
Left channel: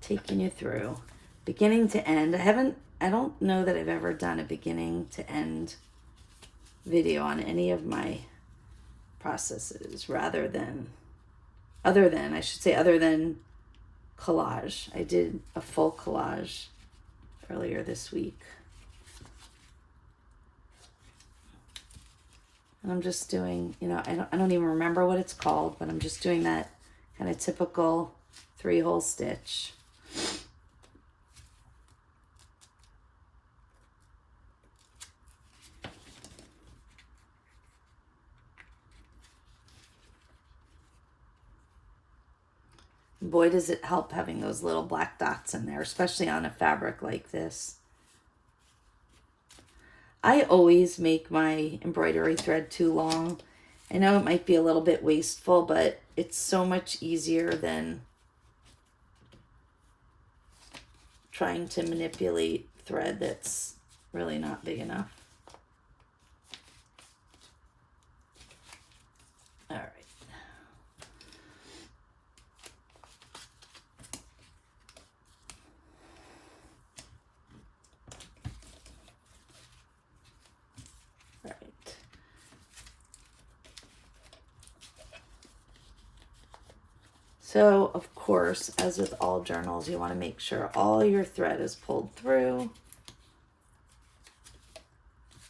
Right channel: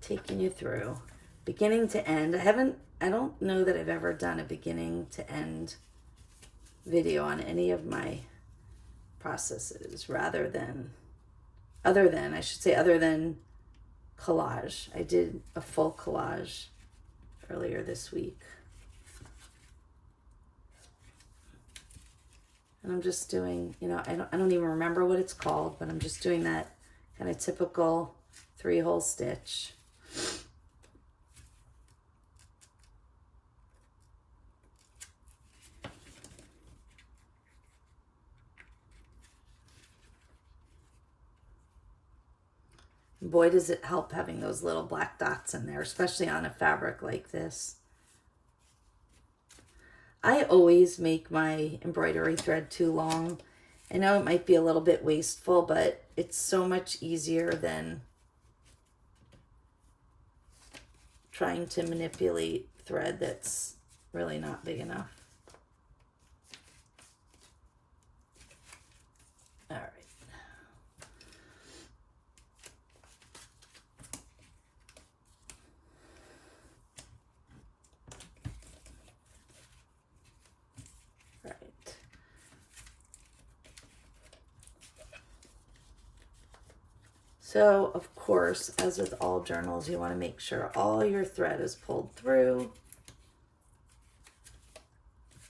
taking you through beginning to end. I don't know that I've ever done a beginning to end video on any of my processes other than collage. I did a full collage earlier this week. And I'm just doing, I don't even remember what it's called, but I'm just doing that kind of typical 3-hole stitch. Boy, does it help having those little black dots in there, especially on a fabric like this. I always make my embroidery thread too long. I know it might be a little bit wasteful, but it's so much easier than trying to manipulate thread that's really not big enough. All right. So, of course, as with all journals, you want to make sure all your thread is pulled through.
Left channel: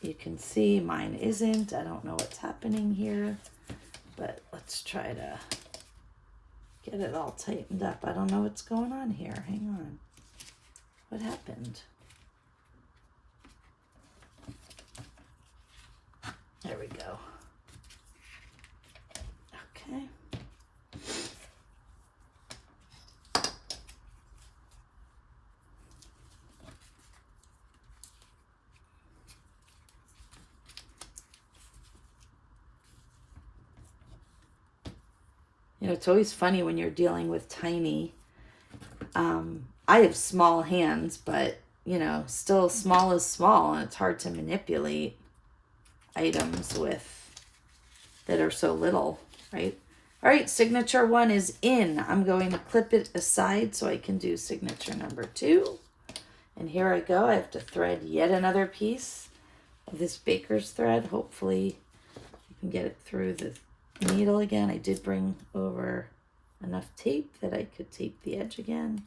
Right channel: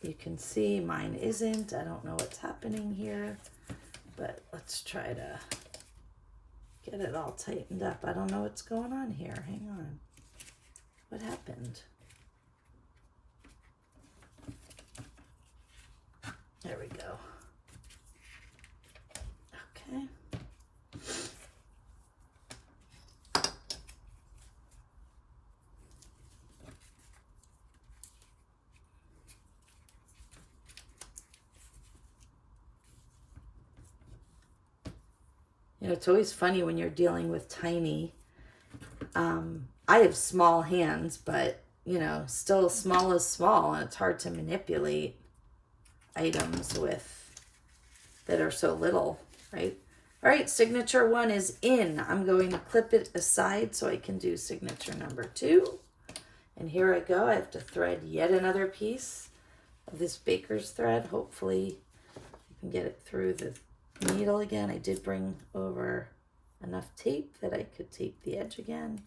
You can see mine isn't. I don't know what's happening here, but let's try to get it all tightened up. I don't know what's going on here. Hang on. What happened? There we go. Okay. It's always funny when you're dealing with tiny. I have small hands, but, still small is small, and it's hard to manipulate items that are so little, right? All right, signature 1 is in. I'm going to clip it aside so I can do signature number 2. And here I go. I have to thread yet another piece of this baker's thread. Hopefully you can get it through the needle again. I did bring over enough tape that I could tape the edge again.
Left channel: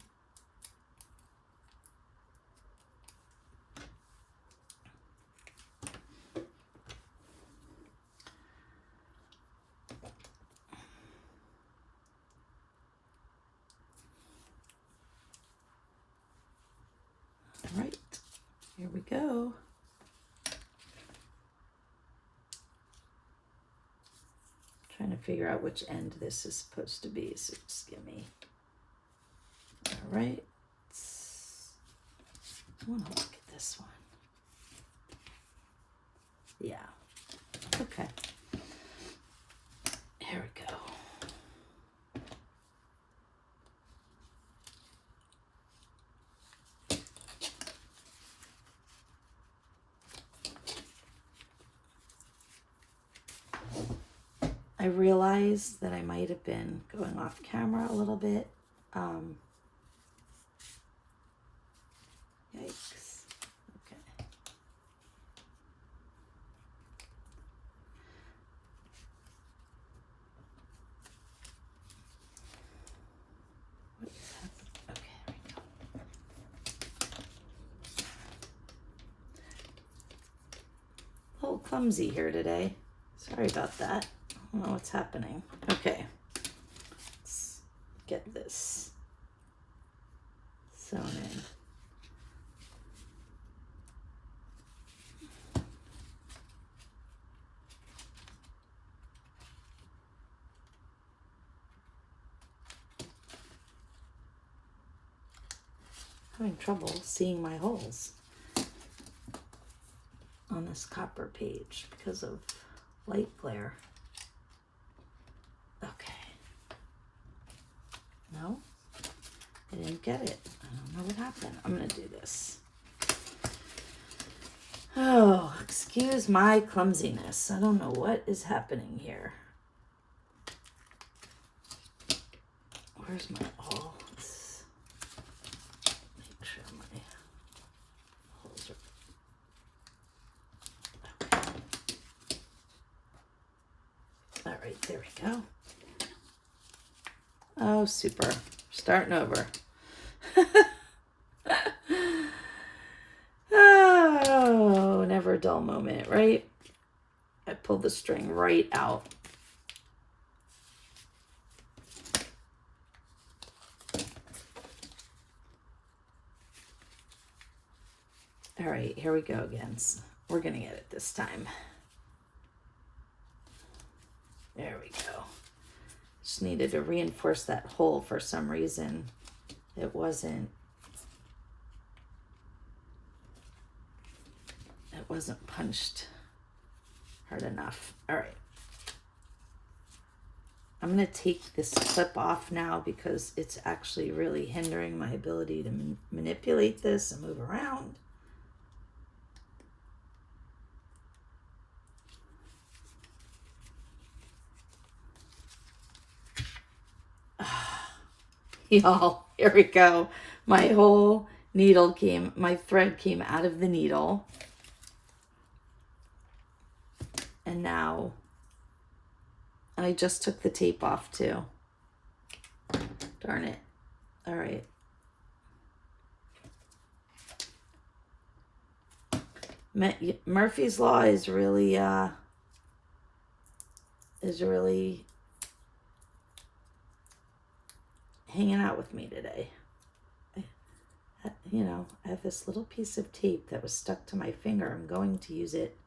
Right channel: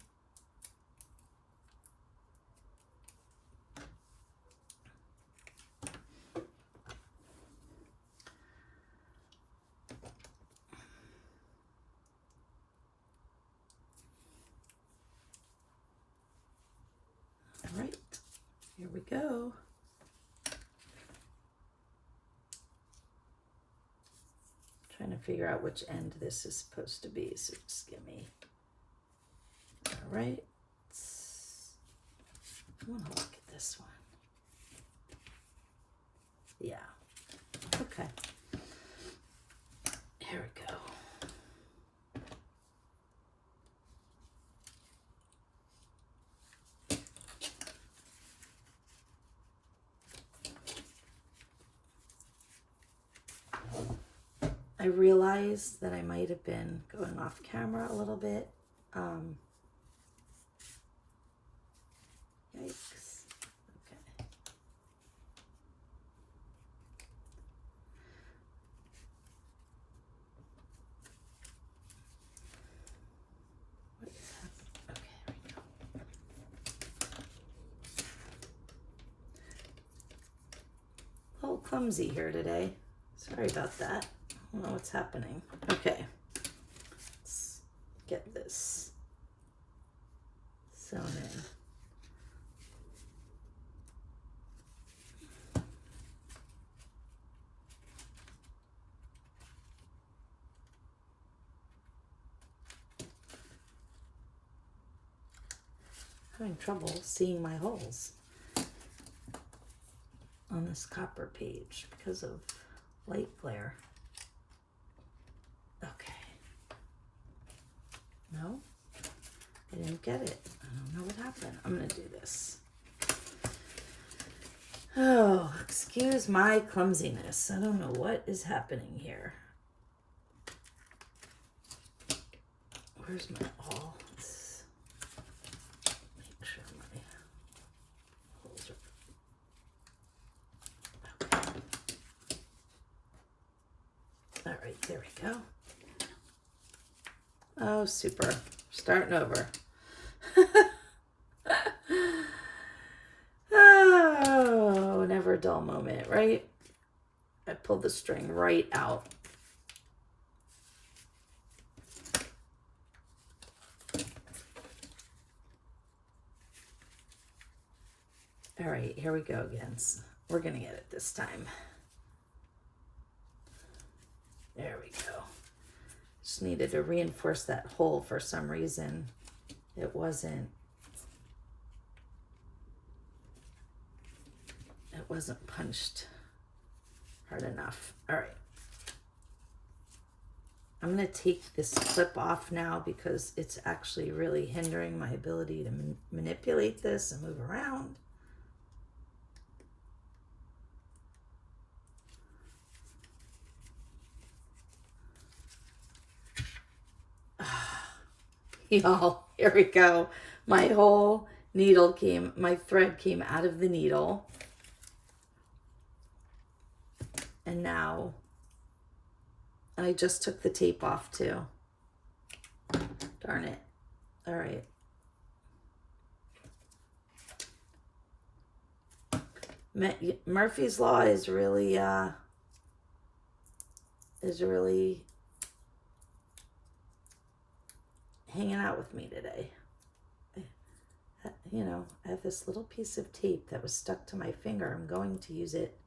All right, here we go. to figure out which end this is supposed to be, so just give me. All right. I want to look at this one. Yeah. Okay. Here we go. I realized that I might have been going off camera a little bit. Yikes. Okay. What is that? Okay, there we go. A little clumsy here today. Sorry about that. I don't know what's happening. Okay. Let's get this sewn in. Having trouble seeing my holes on this copper page because of light glare. Okay. No, I didn't get it. I don't know what happened. I'm gonna do this. Oh, excuse my clumsiness. I don't know what is happening here. Where's my awl? Let's make sure my holes are okay. All right, there we go. Oh, super. Starting over. Oh, never a dull moment, right? I pulled the string right out. All right, here we go again. We're going to get it this time. There we go. Just needed to reinforce that hole for some reason. It wasn't punched hard enough. All right. I'm going to take this clip off now because it's actually really hindering my ability to manipulate this and move around. Y'all, here we go. My whole my thread came out of the needle. And now I just took the tape off too. Darn it. All right. Murphy's Law is really hanging out with me today. I have this little piece of tape that was stuck to my finger. I'm going to use it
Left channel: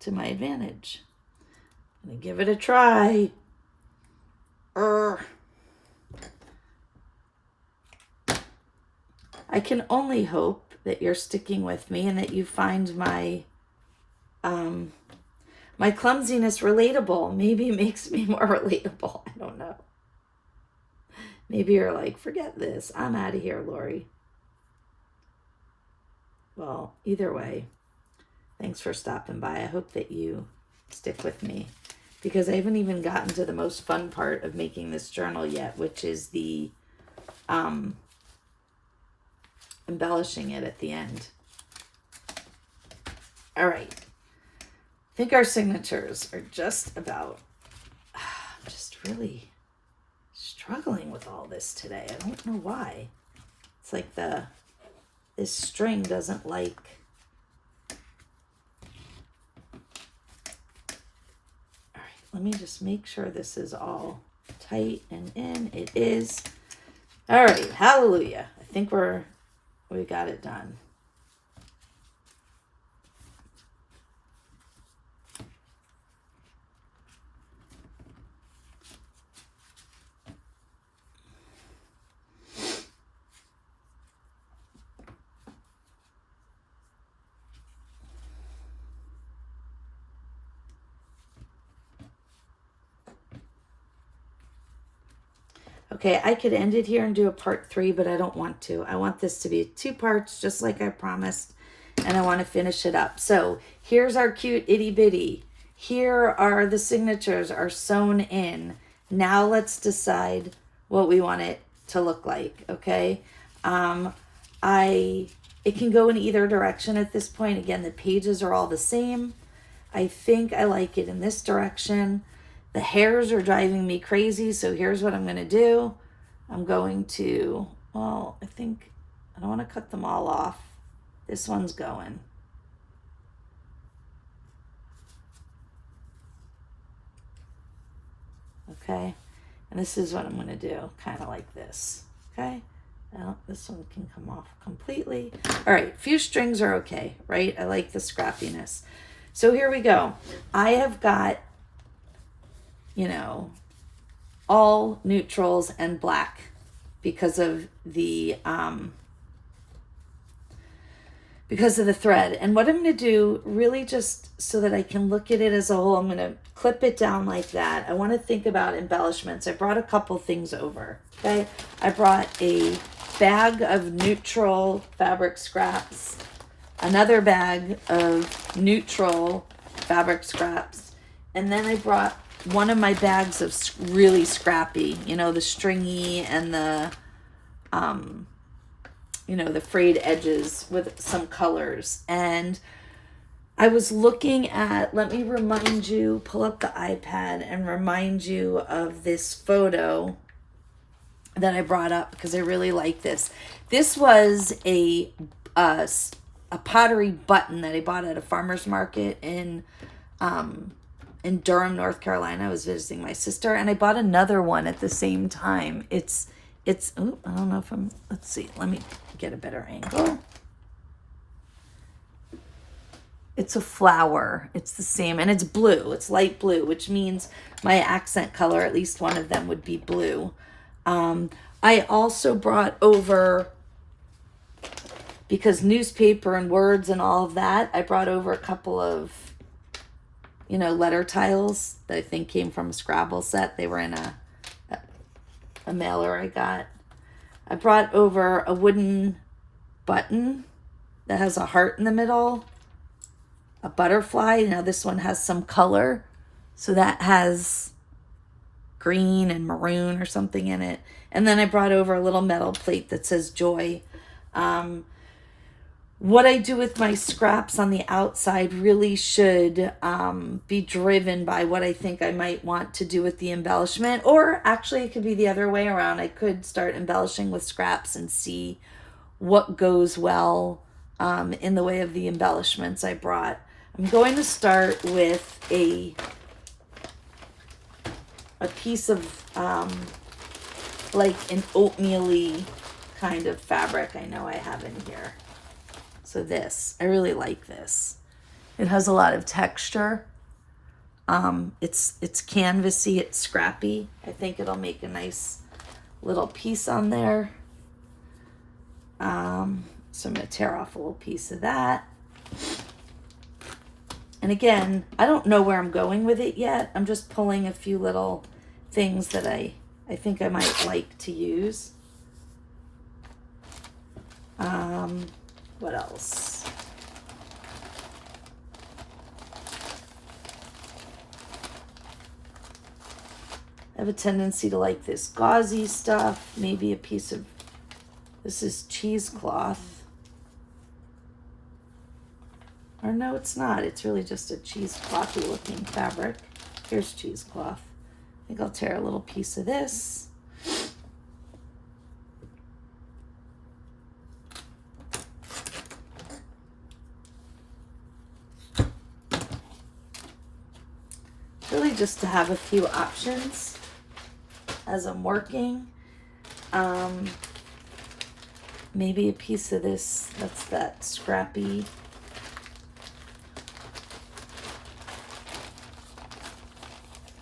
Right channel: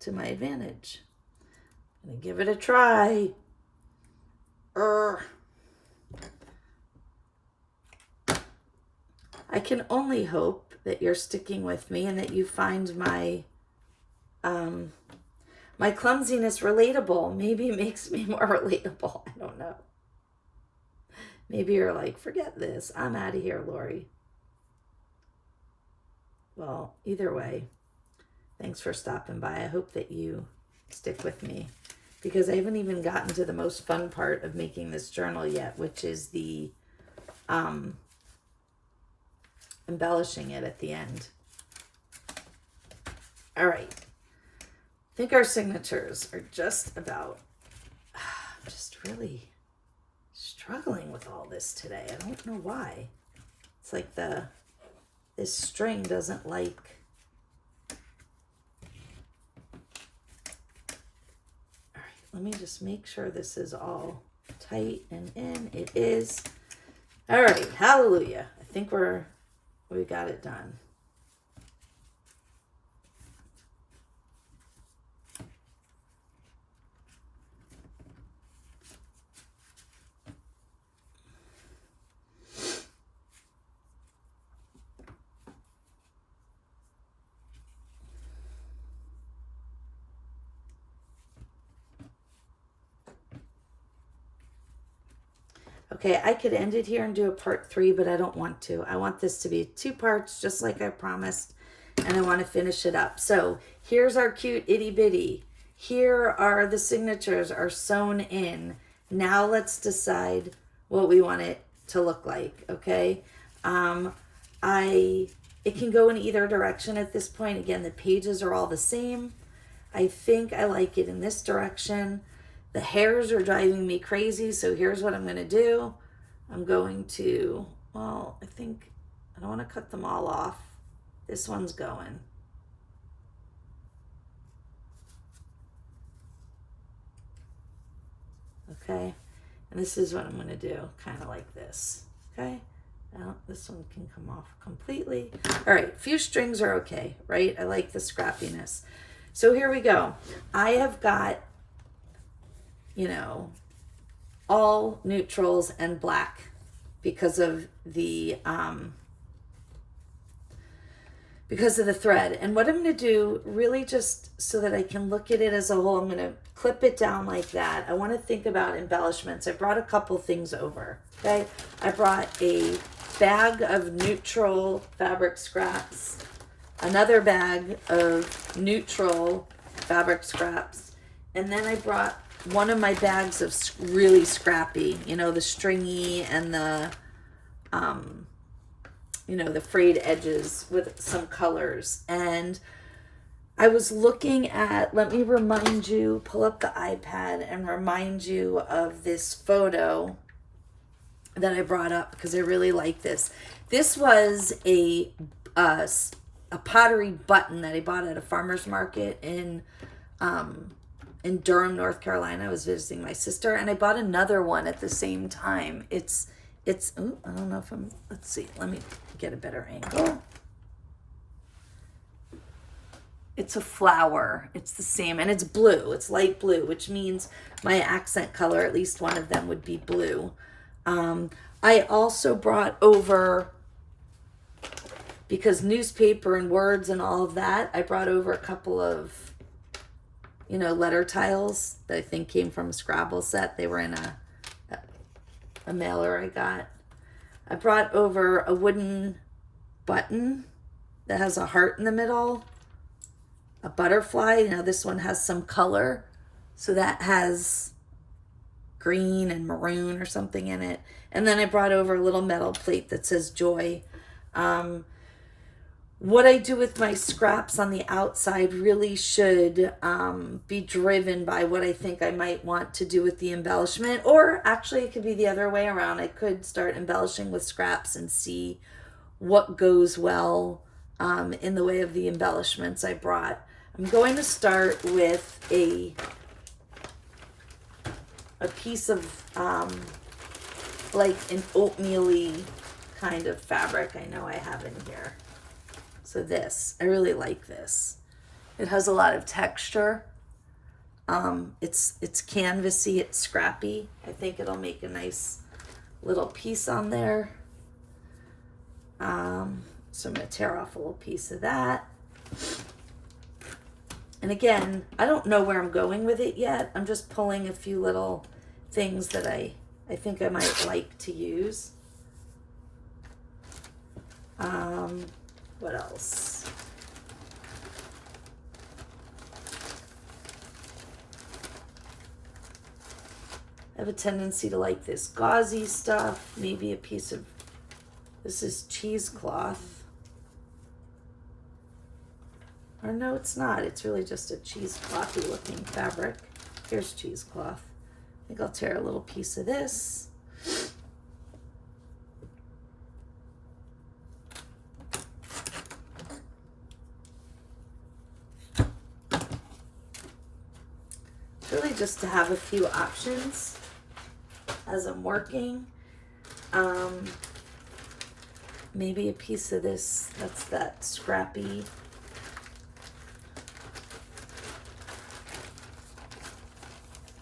to my advantage. I'm gonna give it a try. I can only hope that you're sticking with me and that you find my my clumsiness relatable. Maybe it makes me more relatable. I don't know. Maybe you're like, forget this. I'm out of here, Lori. Well, either way, thanks for stopping by. I hope that you stick with me because I haven't even gotten to the most fun part of making this journal yet, which is the embellishing it at the end. All right. I think our signatures are just about, I'm just really struggling with all this today. I don't know why. It's like this string doesn't like. All right, let me just make sure this is all tight and in. It is. All right, hallelujah. I think we got it done. Okay, I could end it here and do a part 3, but I don't want to. I want this to be 2 parts, just like I promised, and I want to finish it up. So here's our cute itty bitty. Here are the signatures are sewn in. Now let's decide what we want it to look like, okay? It can go in either direction at this point. Again, the pages are all the same. I think I like it in this direction. The hairs are driving me crazy, so here's what I'm going to do. I'm going to, well, I think I don't want to cut them all off. This one's going. Okay, and this is what I'm going to do, kind of like this. Okay. Now, this one can come off completely. All right, few strings are okay, right? I like the scrappiness. So here we go. I have got, you know, all neutrals and black because of the thread. And what I'm going to do, really just so that I can look at it as a whole, I'm going to clip it down like that. I want to think about embellishments. I brought a couple things over, okay? I brought a bag of neutral fabric scraps, another bag of neutral fabric scraps, and then I brought one of my bags of really scrappy, you know, the stringy and the, you know, the frayed edges with some colors. And I was looking at, let me remind you, pull up the iPad and remind you of this photo that I brought up because I really like this. This was a pottery button that I bought at a farmer's market in Durham, North Carolina. I was visiting my sister, and I bought another one at the same time. It's oh, I don't know if I'm, let's see, let me get a better angle. It's a flower. It's the same, and it's blue. It's light blue, which means my accent color, at least one of them, would be blue. I also brought over, because newspaper and words and all of that, I brought over a couple of, you know, letter tiles that I think came from a Scrabble set. They were in a mailer I got. I brought over a wooden button that has a heart in the middle, a butterfly. Now this one has some color, so that has green and maroon or something in it. And then I brought over a little metal plate that says joy. What I do with my scraps on the outside really should be driven by what I think I might want to do with the embellishment. Or actually it could be the other way around. I could start embellishing with scraps and see what goes well in the way of the embellishments I brought. I'm going to start with a piece of like an oatmeal-y kind of fabric I know I have in here. So this, I really like this. It has a lot of texture. It's canvasy, it's scrappy. I think it'll make a nice little piece on there. So I'm gonna tear off a little piece of that. And again, I don't know where I'm going with it yet. I'm just pulling a few little things that I think I might like to use. What else? I have a tendency to like this gauzy stuff. Maybe a piece of, this is cheesecloth. Or no, it's not. It's really just a cheeseclothy looking fabric. Here's cheesecloth. I think I'll tear a little piece of this. Really just to have a few options as I'm working. Maybe a piece of this, that's that scrappy.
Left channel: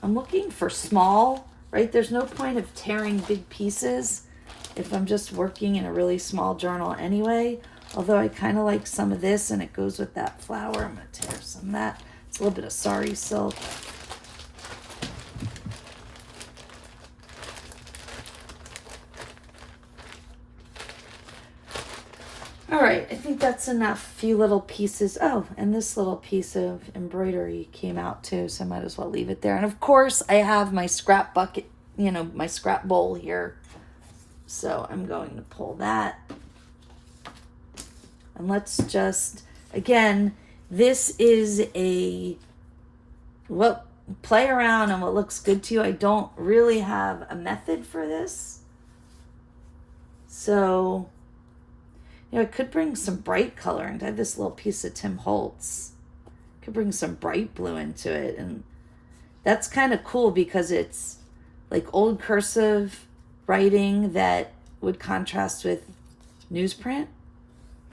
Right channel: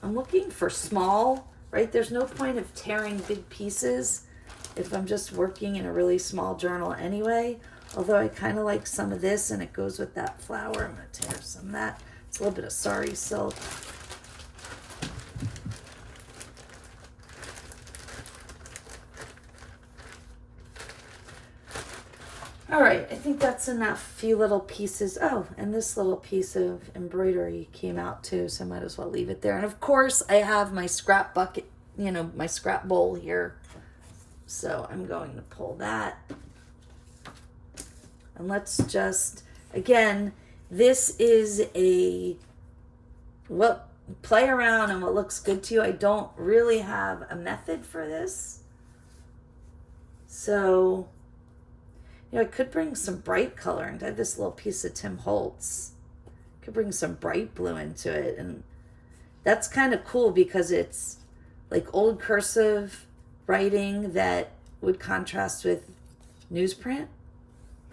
I'm looking for small, right? There's no point of tearing big pieces if I'm just working in a really small journal anyway. Although I kind of like some of this and it goes with that flower. I'm going to tear some of that. It's a little bit of sari silk. All right, I think that's enough. Few little pieces. Oh, and this little piece of embroidery came out too, so I might as well leave it there. And of course, I have my scrap bucket, my scrap bowl here. So I'm going to pull that. And let's just, again, this is play around and what looks good to you. I don't really have a method for this. So, I could bring some bright color, and I have this little piece of Tim Holtz. Could bring some bright blue into it, and that's kind of cool because it's like old cursive writing that would contrast with newsprint,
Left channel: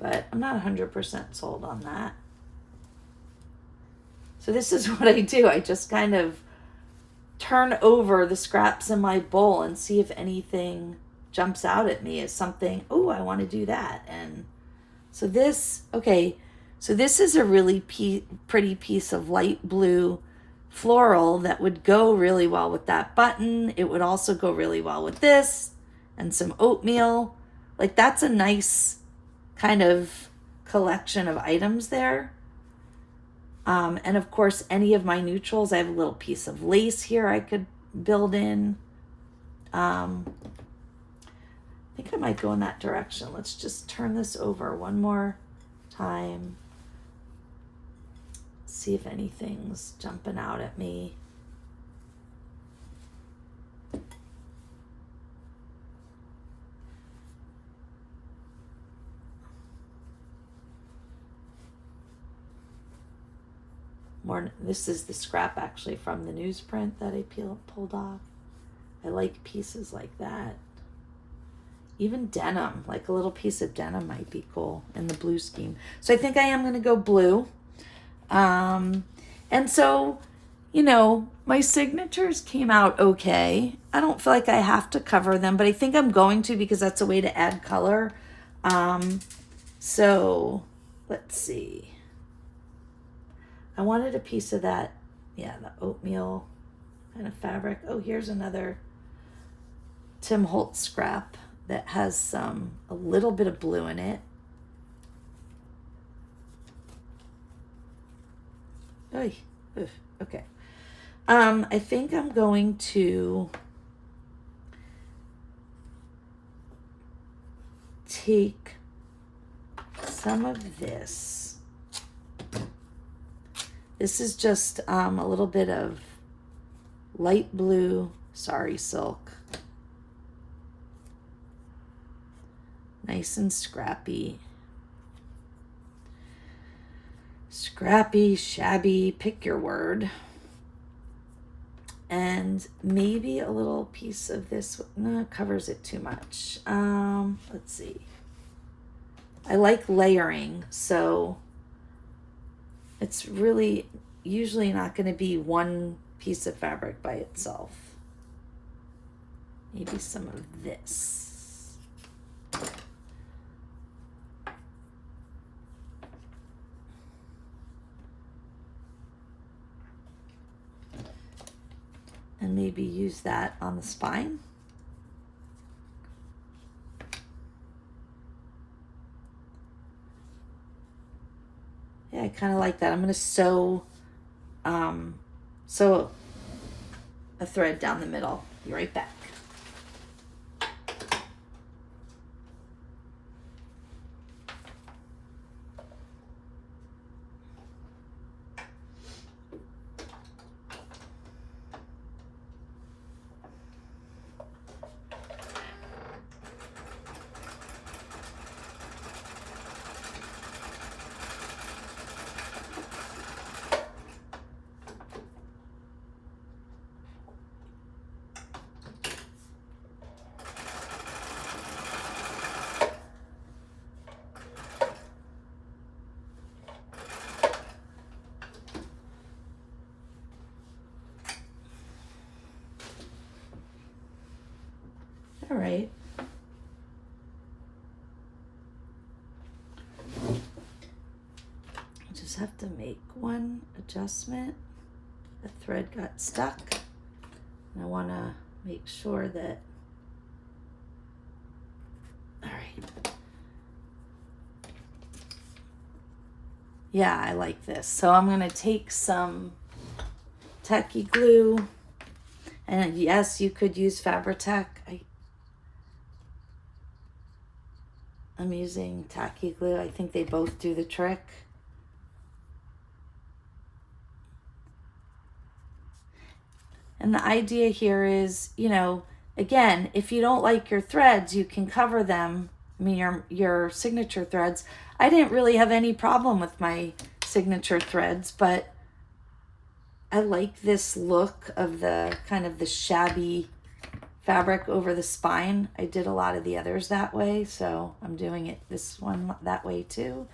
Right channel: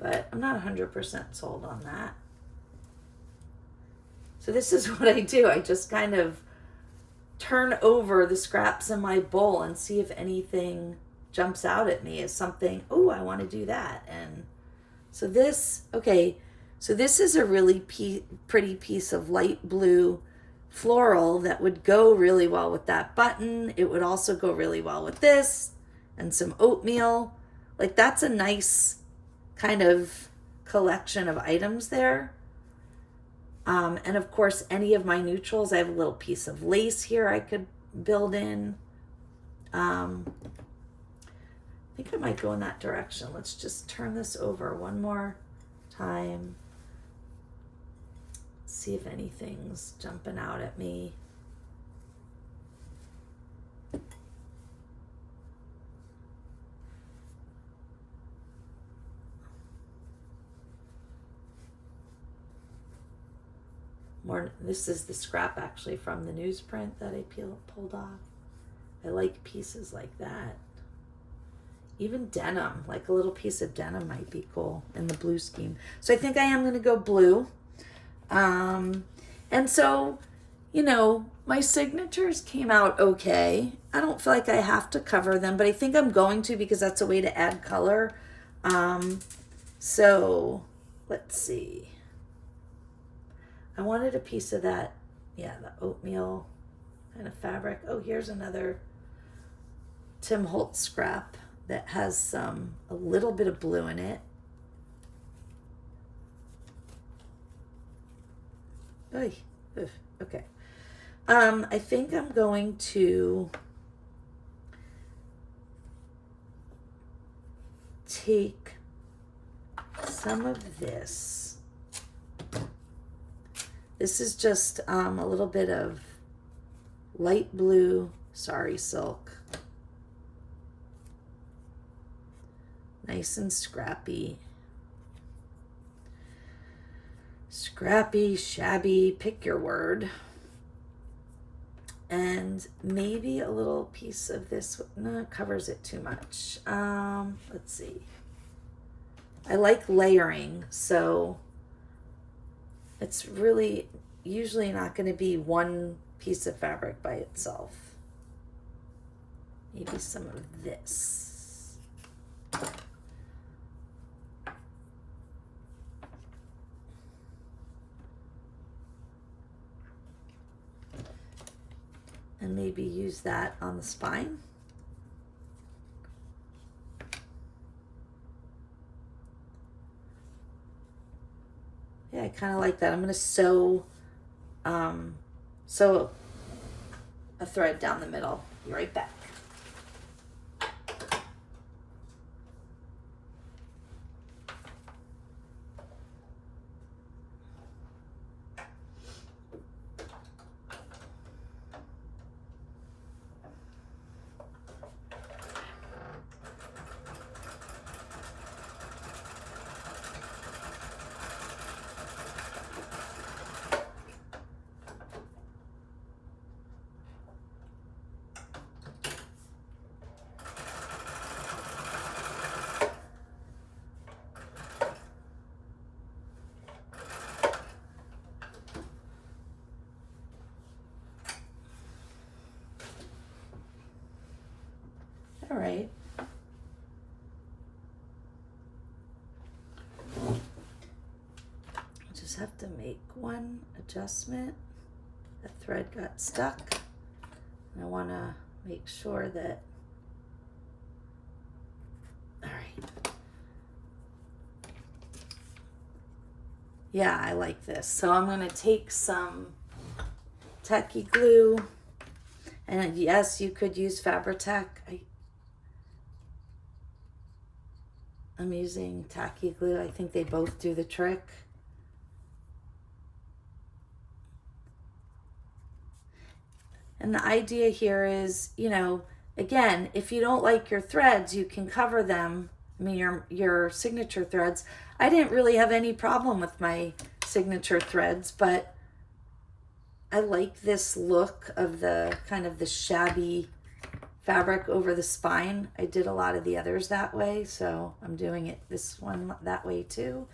but I'm not 100% sold on that. So this is what I do. I just kind of turn over the scraps in my bowl and see if anything jumps out at me as something, oh, I want to do that. And so this is a really pretty piece of light blue floral that would go really well with that button. It would also go really well with this and some oatmeal. Like, that's a nice kind of collection of items there. And of course, any of my neutrals, I have a little piece of lace here I could build in. I think I might go in that direction. Let's just turn this over one more time. See if anything's jumping out at me. This is the scrap actually from the newsprint that I pulled off. I like pieces like that. Even denim, like a little piece of denim might be cool in the blue scheme. So I think I am going to go blue. And so, my signatures came out okay. I don't feel like I have to cover them, but I think I'm going to because that's a way to add color. So let's see. I wanted a piece of that, the oatmeal kind of fabric. Oh, here's another Tim Holtz scrap that has a little bit of blue in it. Okay. I think I'm going to take some of this. This is just a little bit of light blue sari silk. Nice and scrappy. Scrappy, shabby, pick your word. And maybe a little piece of this, no, covers it too much. Let's see. I like layering, so it's really usually not going to be one piece of fabric by itself. Maybe some of this. And maybe use that on the spine. Yeah, I kind of like that. I'm going to sew a thread down the middle. Be right back. All right. Just have to make one adjustment. The thread got stuck. And I want to make sure that, all right. Yeah, I like this. So I'm going to take some tacky glue. And yes, you could use Fabri-Tac. I'm using tacky glue. I think they both do the trick. And the idea here is, you know, again, if you don't like your threads, you can cover them. I mean, your signature threads. I didn't really have any problem with my signature threads, but I like this look of the kind of the shabby fabric over the spine. I did a lot of the others that way, so I'm doing it this one that way too.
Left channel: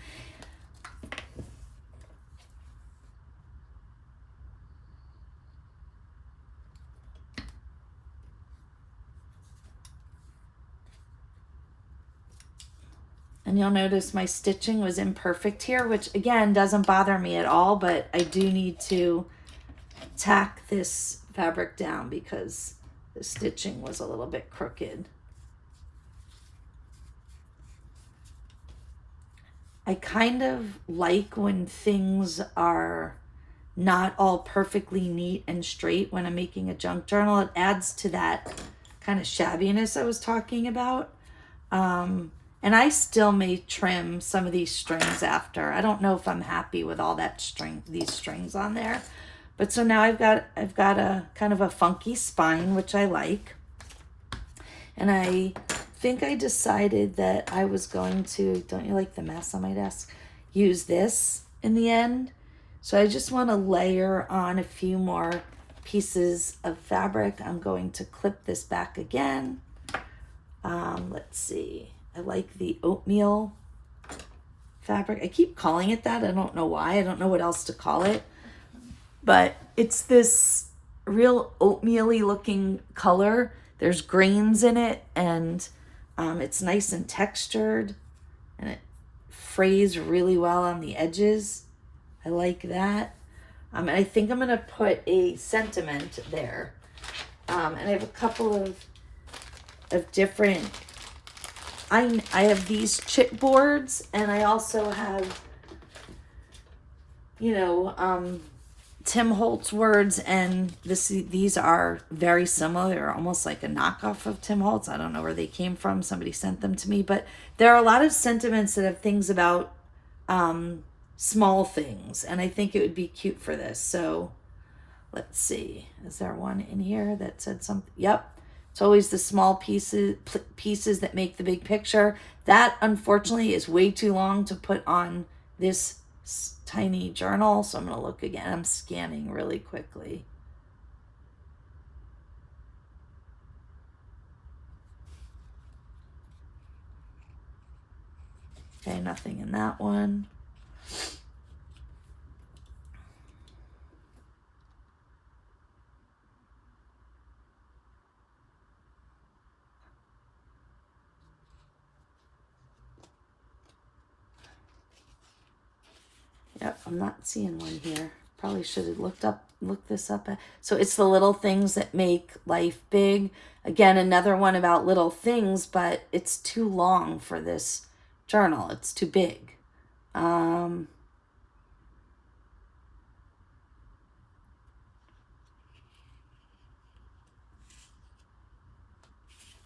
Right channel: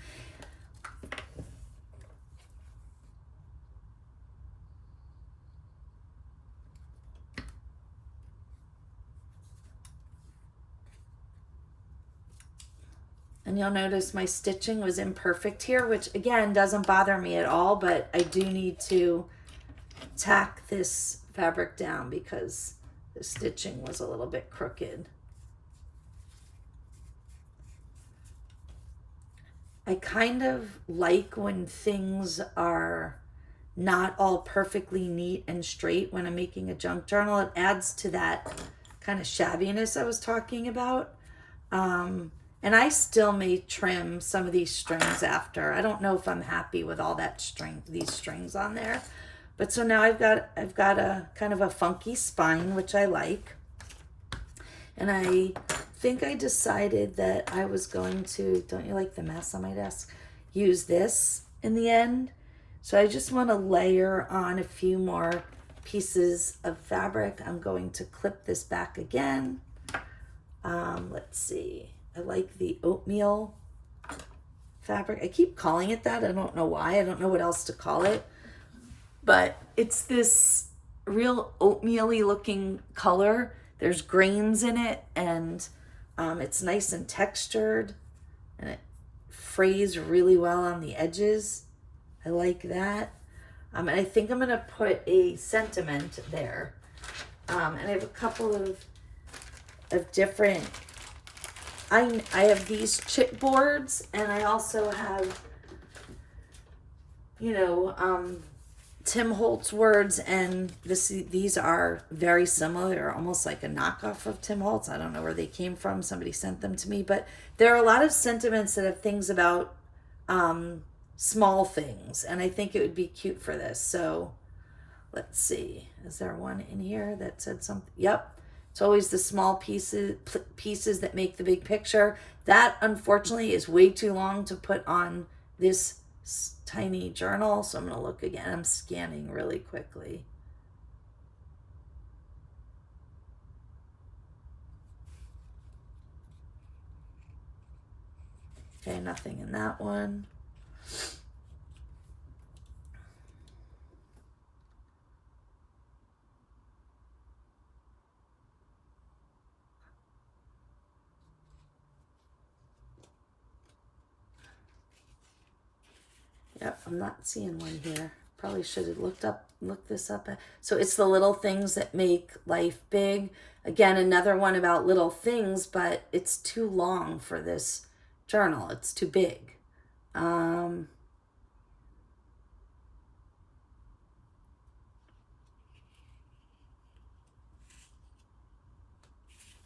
And you'll notice my stitching was imperfect here, which again doesn't bother me at all, but I do need to tack this fabric down because the stitching was a little bit crooked. I kind of like when things are not all perfectly neat and straight when I'm making a junk journal. It adds to that kind of shabbiness I was talking about. And I still may trim some of these strings after. I don't know if I'm happy with all that these strings on there. But so now I've got a kind of a funky spine, which I like. And I think I decided that I was going to, don't you like the mess on my desk? Use this in the end. So I just want to layer on a few more pieces of fabric. I'm going to clip this back again. Let's see. I like the oatmeal fabric. I keep calling it that. I don't know why. I don't know what else to call it. But it's this real oatmeal-y looking color. There's grains in it, and it's nice and textured, and it frays really well on the edges. I like that. And I think I'm going to put a sentiment there. And I have a couple of different... I have these chipboards, and I also have, you know, Tim Holtz words, and these are very similar. They're almost like a knockoff of Tim Holtz. I don't know where they came from. Somebody sent them to me, but there are a lot of sentiments that have things about small things, and I think it would be cute for this. So let's see. Is there one in here that said something? Yep. It's always the small pieces that make the big picture. That, unfortunately, is way too long to put on this tiny journal. So I'm going to look again. I'm scanning really quickly. Okay, nothing in that one. Yep, I'm not seeing one here. Probably should have looked this up. So it's the little things that make life big. Again, another one about little things, but it's too long for this journal. It's too big. All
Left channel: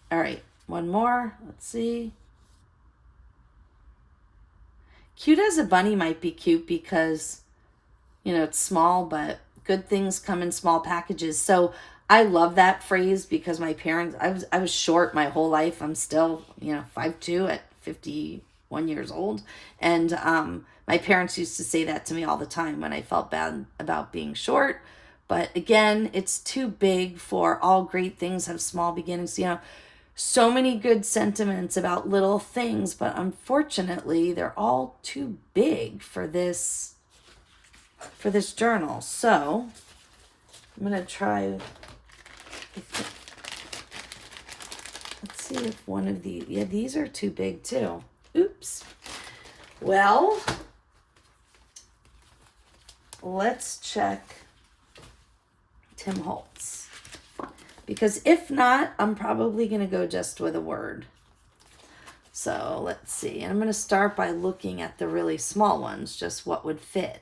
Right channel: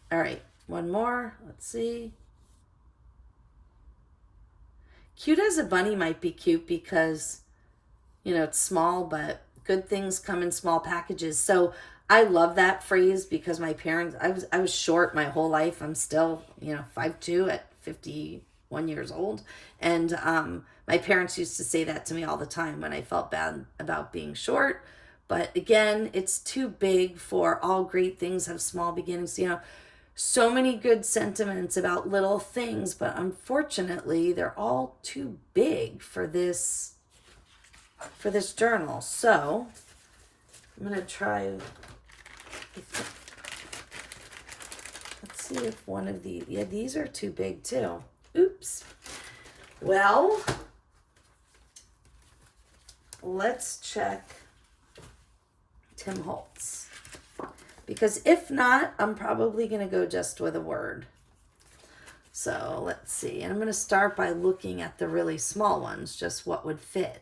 right, one more. Let's see. Cute as a bunny might be cute because, you know, it's small, but good things come in small packages. So I love that phrase because my parents, I was short my whole life. I'm still, you know, 5'2" at 51 years old. And my parents used to say that to me all the time when I felt bad about being short. But again, it's too big for all great things have small beginnings. You know, so many good sentiments about little things, but unfortunately, they're all too big for this journal. So I'm gonna try. Let's see if one of these. Yeah, these are too big too. Oops. Well, let's check Tim Holtz. Because if not, I'm probably going to go just with a word. So let's see. And I'm going to start by looking at the really small ones, just what would fit.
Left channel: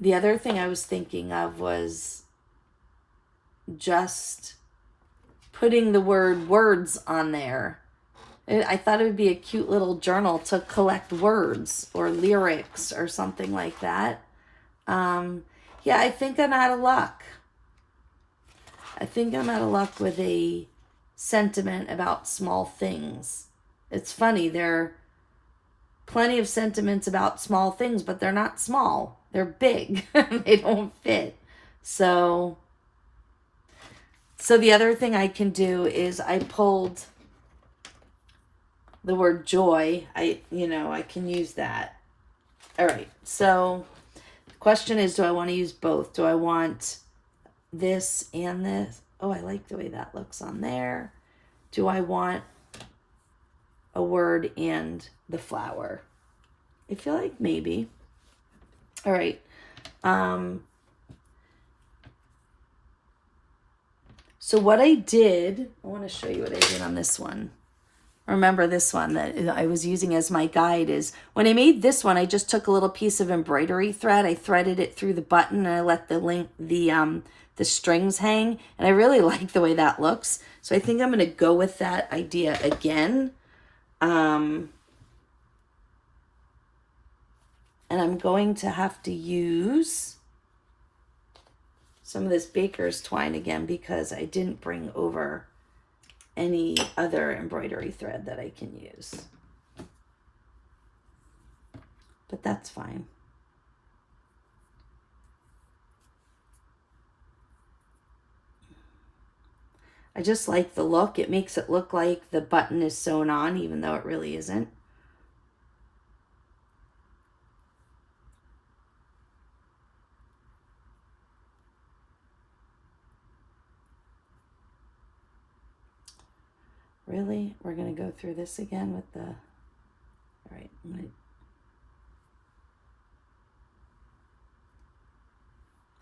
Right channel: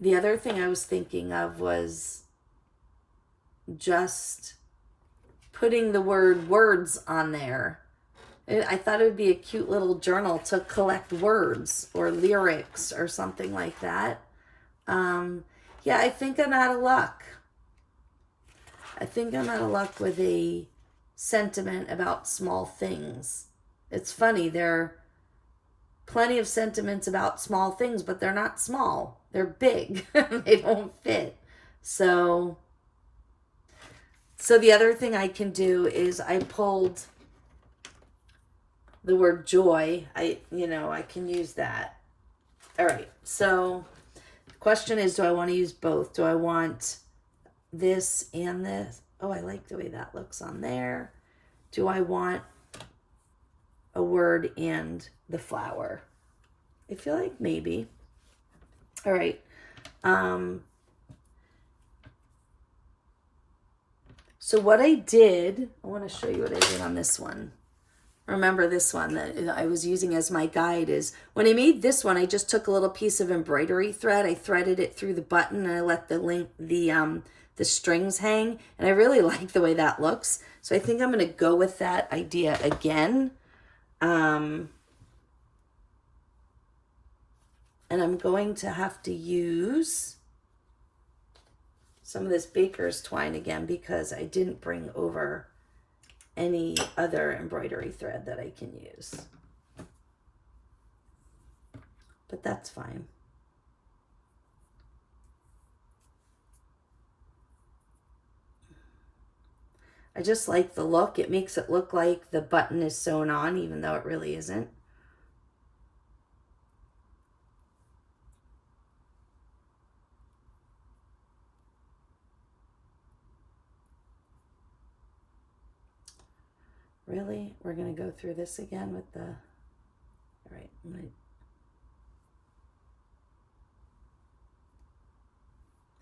The other thing I was thinking of was just putting the word words on there. I thought it would be a cute little journal to collect words or lyrics or something like that. Yeah, I think I'm out of luck. I think I'm out of luck with a sentiment about small things. It's funny, there are plenty of sentiments about small things, but they're not small. They're big. They don't fit. So the other thing I can do is I pulled the word joy. I can use that. All right. So the question is, do I want to use both? Do I want this and this? Oh, I like the way that looks on there. Do I want a word and the flower? I feel like maybe. All right. So what I did, I want to show you what I did on this one. Remember this one that I was using as my guide is when I made this one, I just took a little piece of embroidery thread. I threaded it through the button and I let the strings hang. And I really like the way that looks. So I think I'm going to go with that idea again. And I'm going to have to use some of this baker's twine again because I didn't bring over any other embroidery thread that I can use. But that's fine. I just like the look. It makes it look like the button is sewn on, even though it really isn't. Really? We're going to go through this again with the... All right, there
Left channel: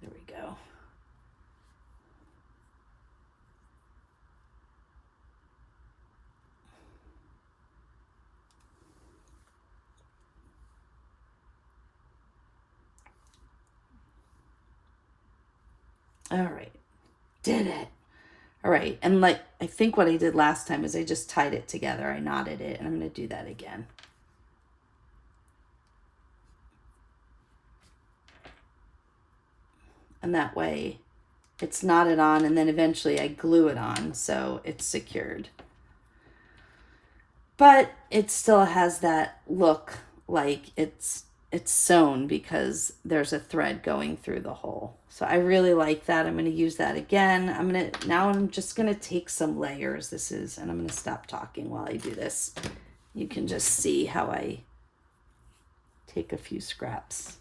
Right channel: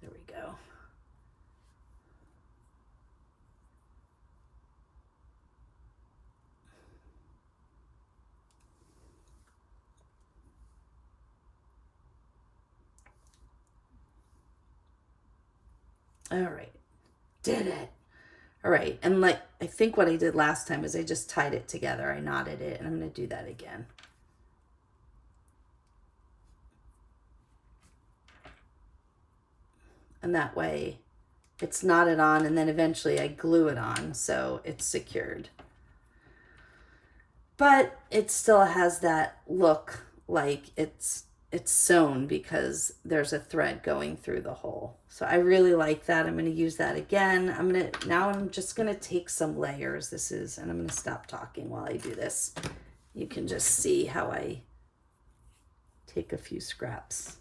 we go. All right, did it. All right, and like I think what I did last time is I just tied it together. I knotted it, and I'm going to do that again. And that way it's knotted on, and then eventually I glue it on so it's secured. But it still has that look like it's sewn because there's a thread going through the hole. So I really like that. I'm going to use that again. Now I'm just going to take some layers. And I'm going to stop talking while I do this. You can just see how I take a few scraps.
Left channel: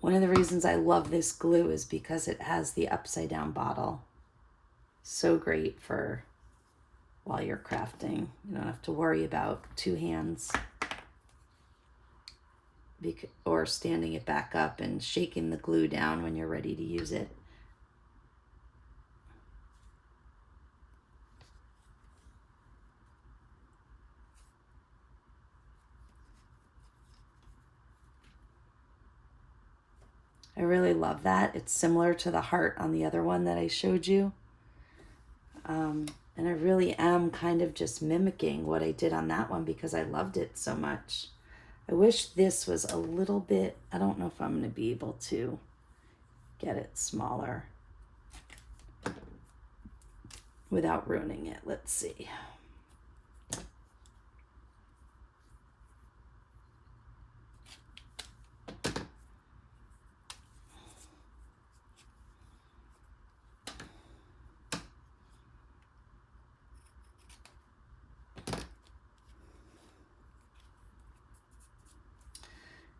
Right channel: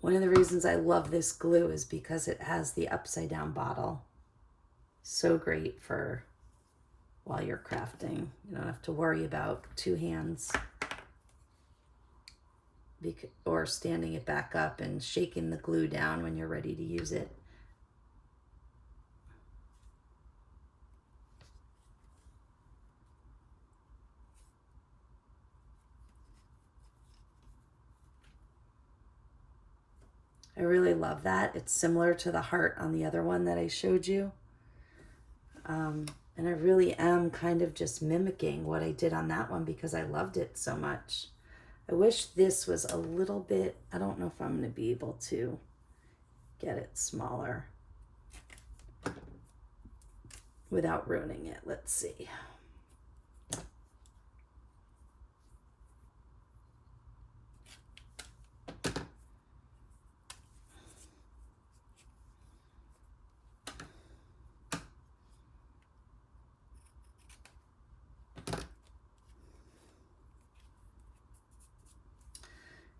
One of the reasons I love this glue is because it has the upside down bottle. So great for while you're crafting. You don't have to worry about two hands or standing it back up and shaking the glue down when you're ready to use it. I really love that. It's similar to the heart on the other one that I showed you. And I really am kind of just mimicking what I did on that one because I loved it so much. I wish this was a little bit, I don't know if I'm going to be able to get it smaller without ruining it. Let's see.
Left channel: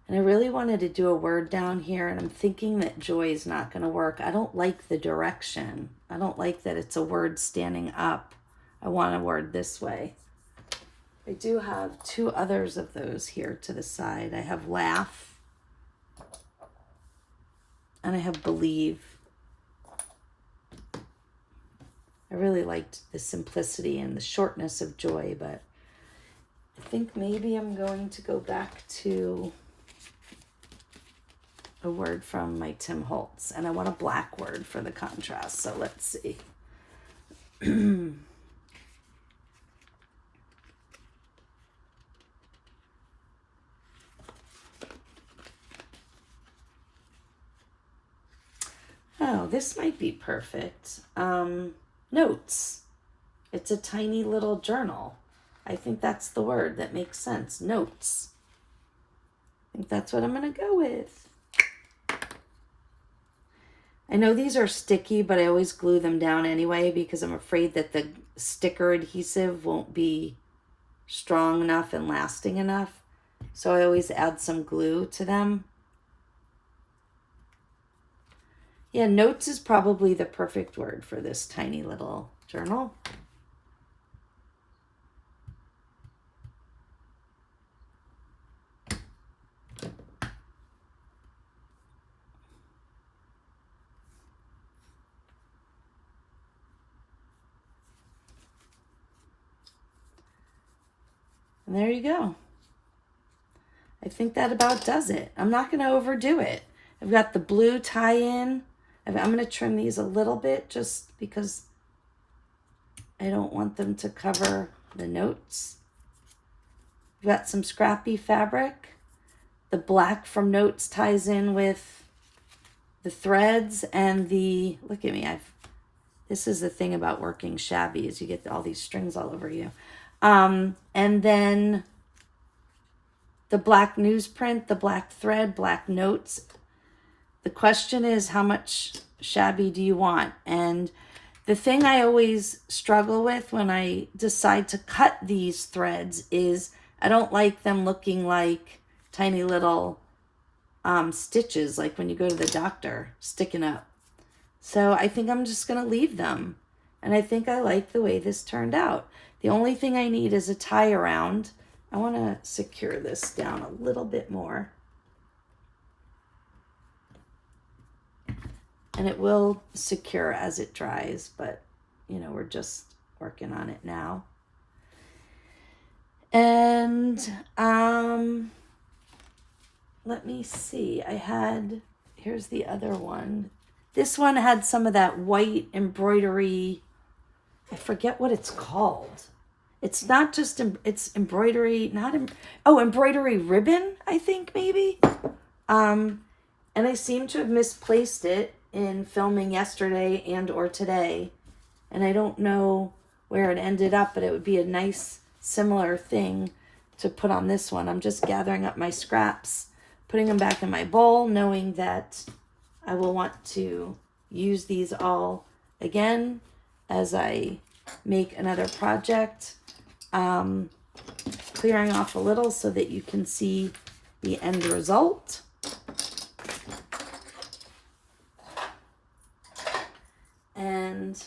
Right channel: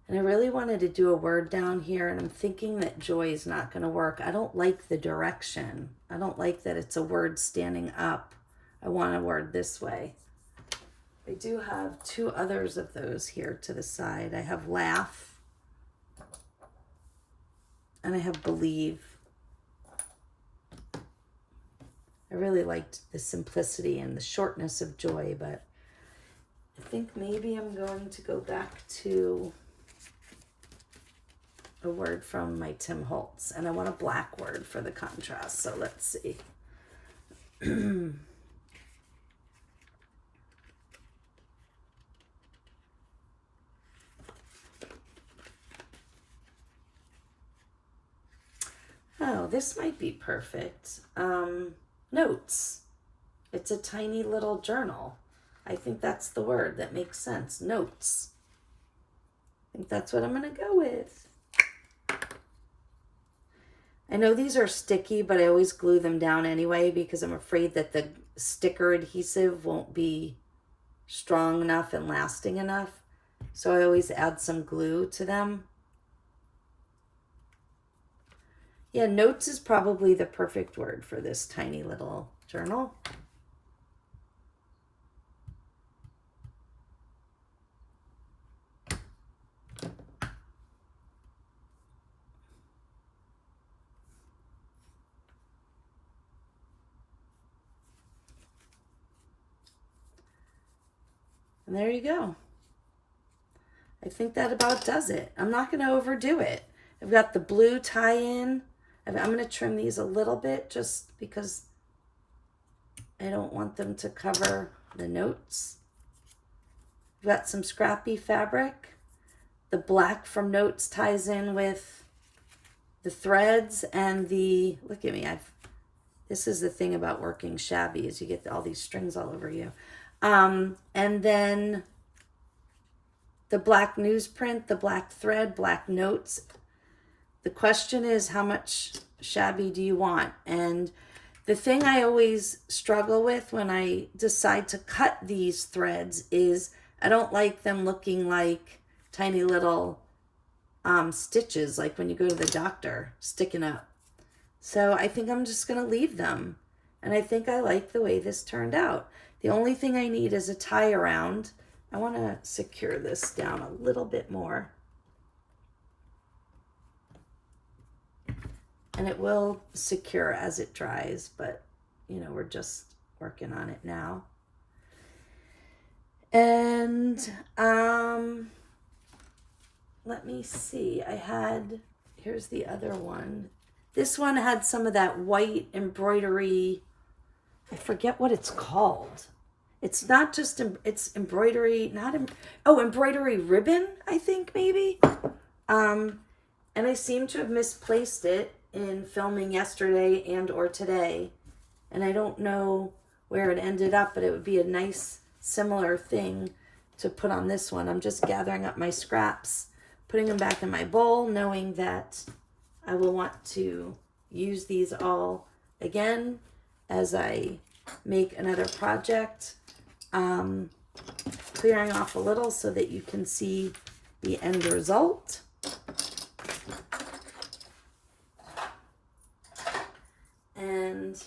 And I really wanted to do a word down here, and I'm thinking that joy is not going to work. I don't like the direction. I don't like that it's a word standing up. I want a word this way. I do have two others of those here to the side. I have laugh, and I have believe. I really liked the simplicity and the shortness of joy, but I think maybe I'm going to go back to a word from my Tim Holtz, and I want a black word for the contrast. So let's see. Oh, this might be perfect. Notes. It's a tiny little journal. I think that's the word that makes sense. Notes. I think that's what I'm going to go with. I know these are sticky, but I always glue them down anyway because I'm afraid that the sticker adhesive won't be strong enough and lasting enough. So I always add some glue to them. Yeah, notes is probably the perfect word for this tiny little journal. And there you go. I think that about does it. I'm not going to overdo it. I've got the blue tie-in. I'm going to trim these a little bit just because I don't want them to cover the notes. I've got some scrappy fabric. The black from notes ties in with the threads and the, look at me, this is the thing about working shabby is you get all these strings all over you. And then the black newsprint, the black thread, black notes. The question is, how much shabby do you want? And the thing I always struggle with when I decide to cut these threads is I don't like them looking like tiny little stitches, like when you go to the doctor, sticking up. So I think I'm just going to leave them. And I think I like the way this turned out. The only thing I need is a tie around. I want to secure this down a little bit more. And it will secure as it dries, but you know, we're just working on it now. And let me see. Here's the other one. This one had some of that white embroidery. I forget what it's called. It's not just, it's embroidery, embroidery ribbon, I think maybe. And I seem to have misplaced it in filming yesterday and or today. And I don't know where it ended up, but it would be a nice similar thing to put on this one. I'm just gathering up my scraps, putting them back in my bowl, knowing that I will want to use these all again as I make another project. Clearing off a little so that you can see the end result. And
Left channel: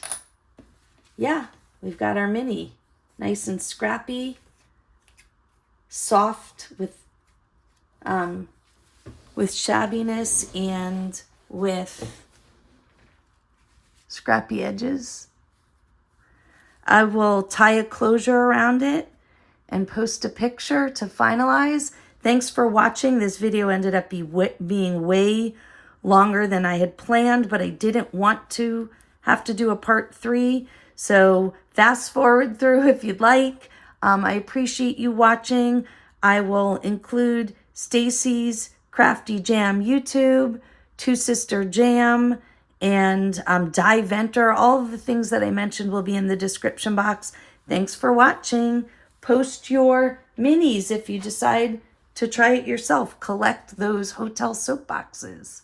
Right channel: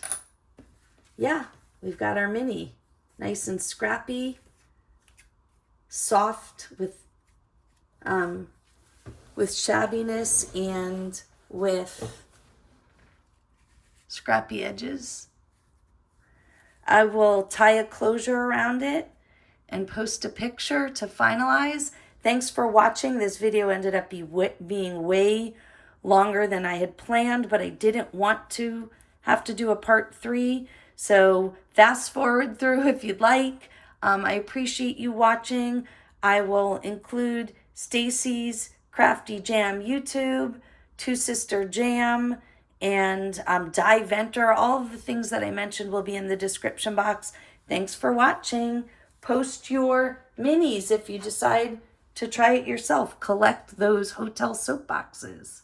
yeah, we've got our mini, nice and scrappy, soft with shabbiness and with scrappy edges. I will tie a closure around it and post a picture to finalize. Thanks for watching. This video ended up being way longer than I had planned, but I didn't want to have to do a part 3. So fast forward through if you'd like. I appreciate you watching. I will include Stacy's Crafty Jam YouTube, Two Sister Jam, and Die Venter. All of the things that I mentioned will be in the description box. Thanks for watching. Post your minis if you decide to try it yourself. Collect those hotel soap boxes.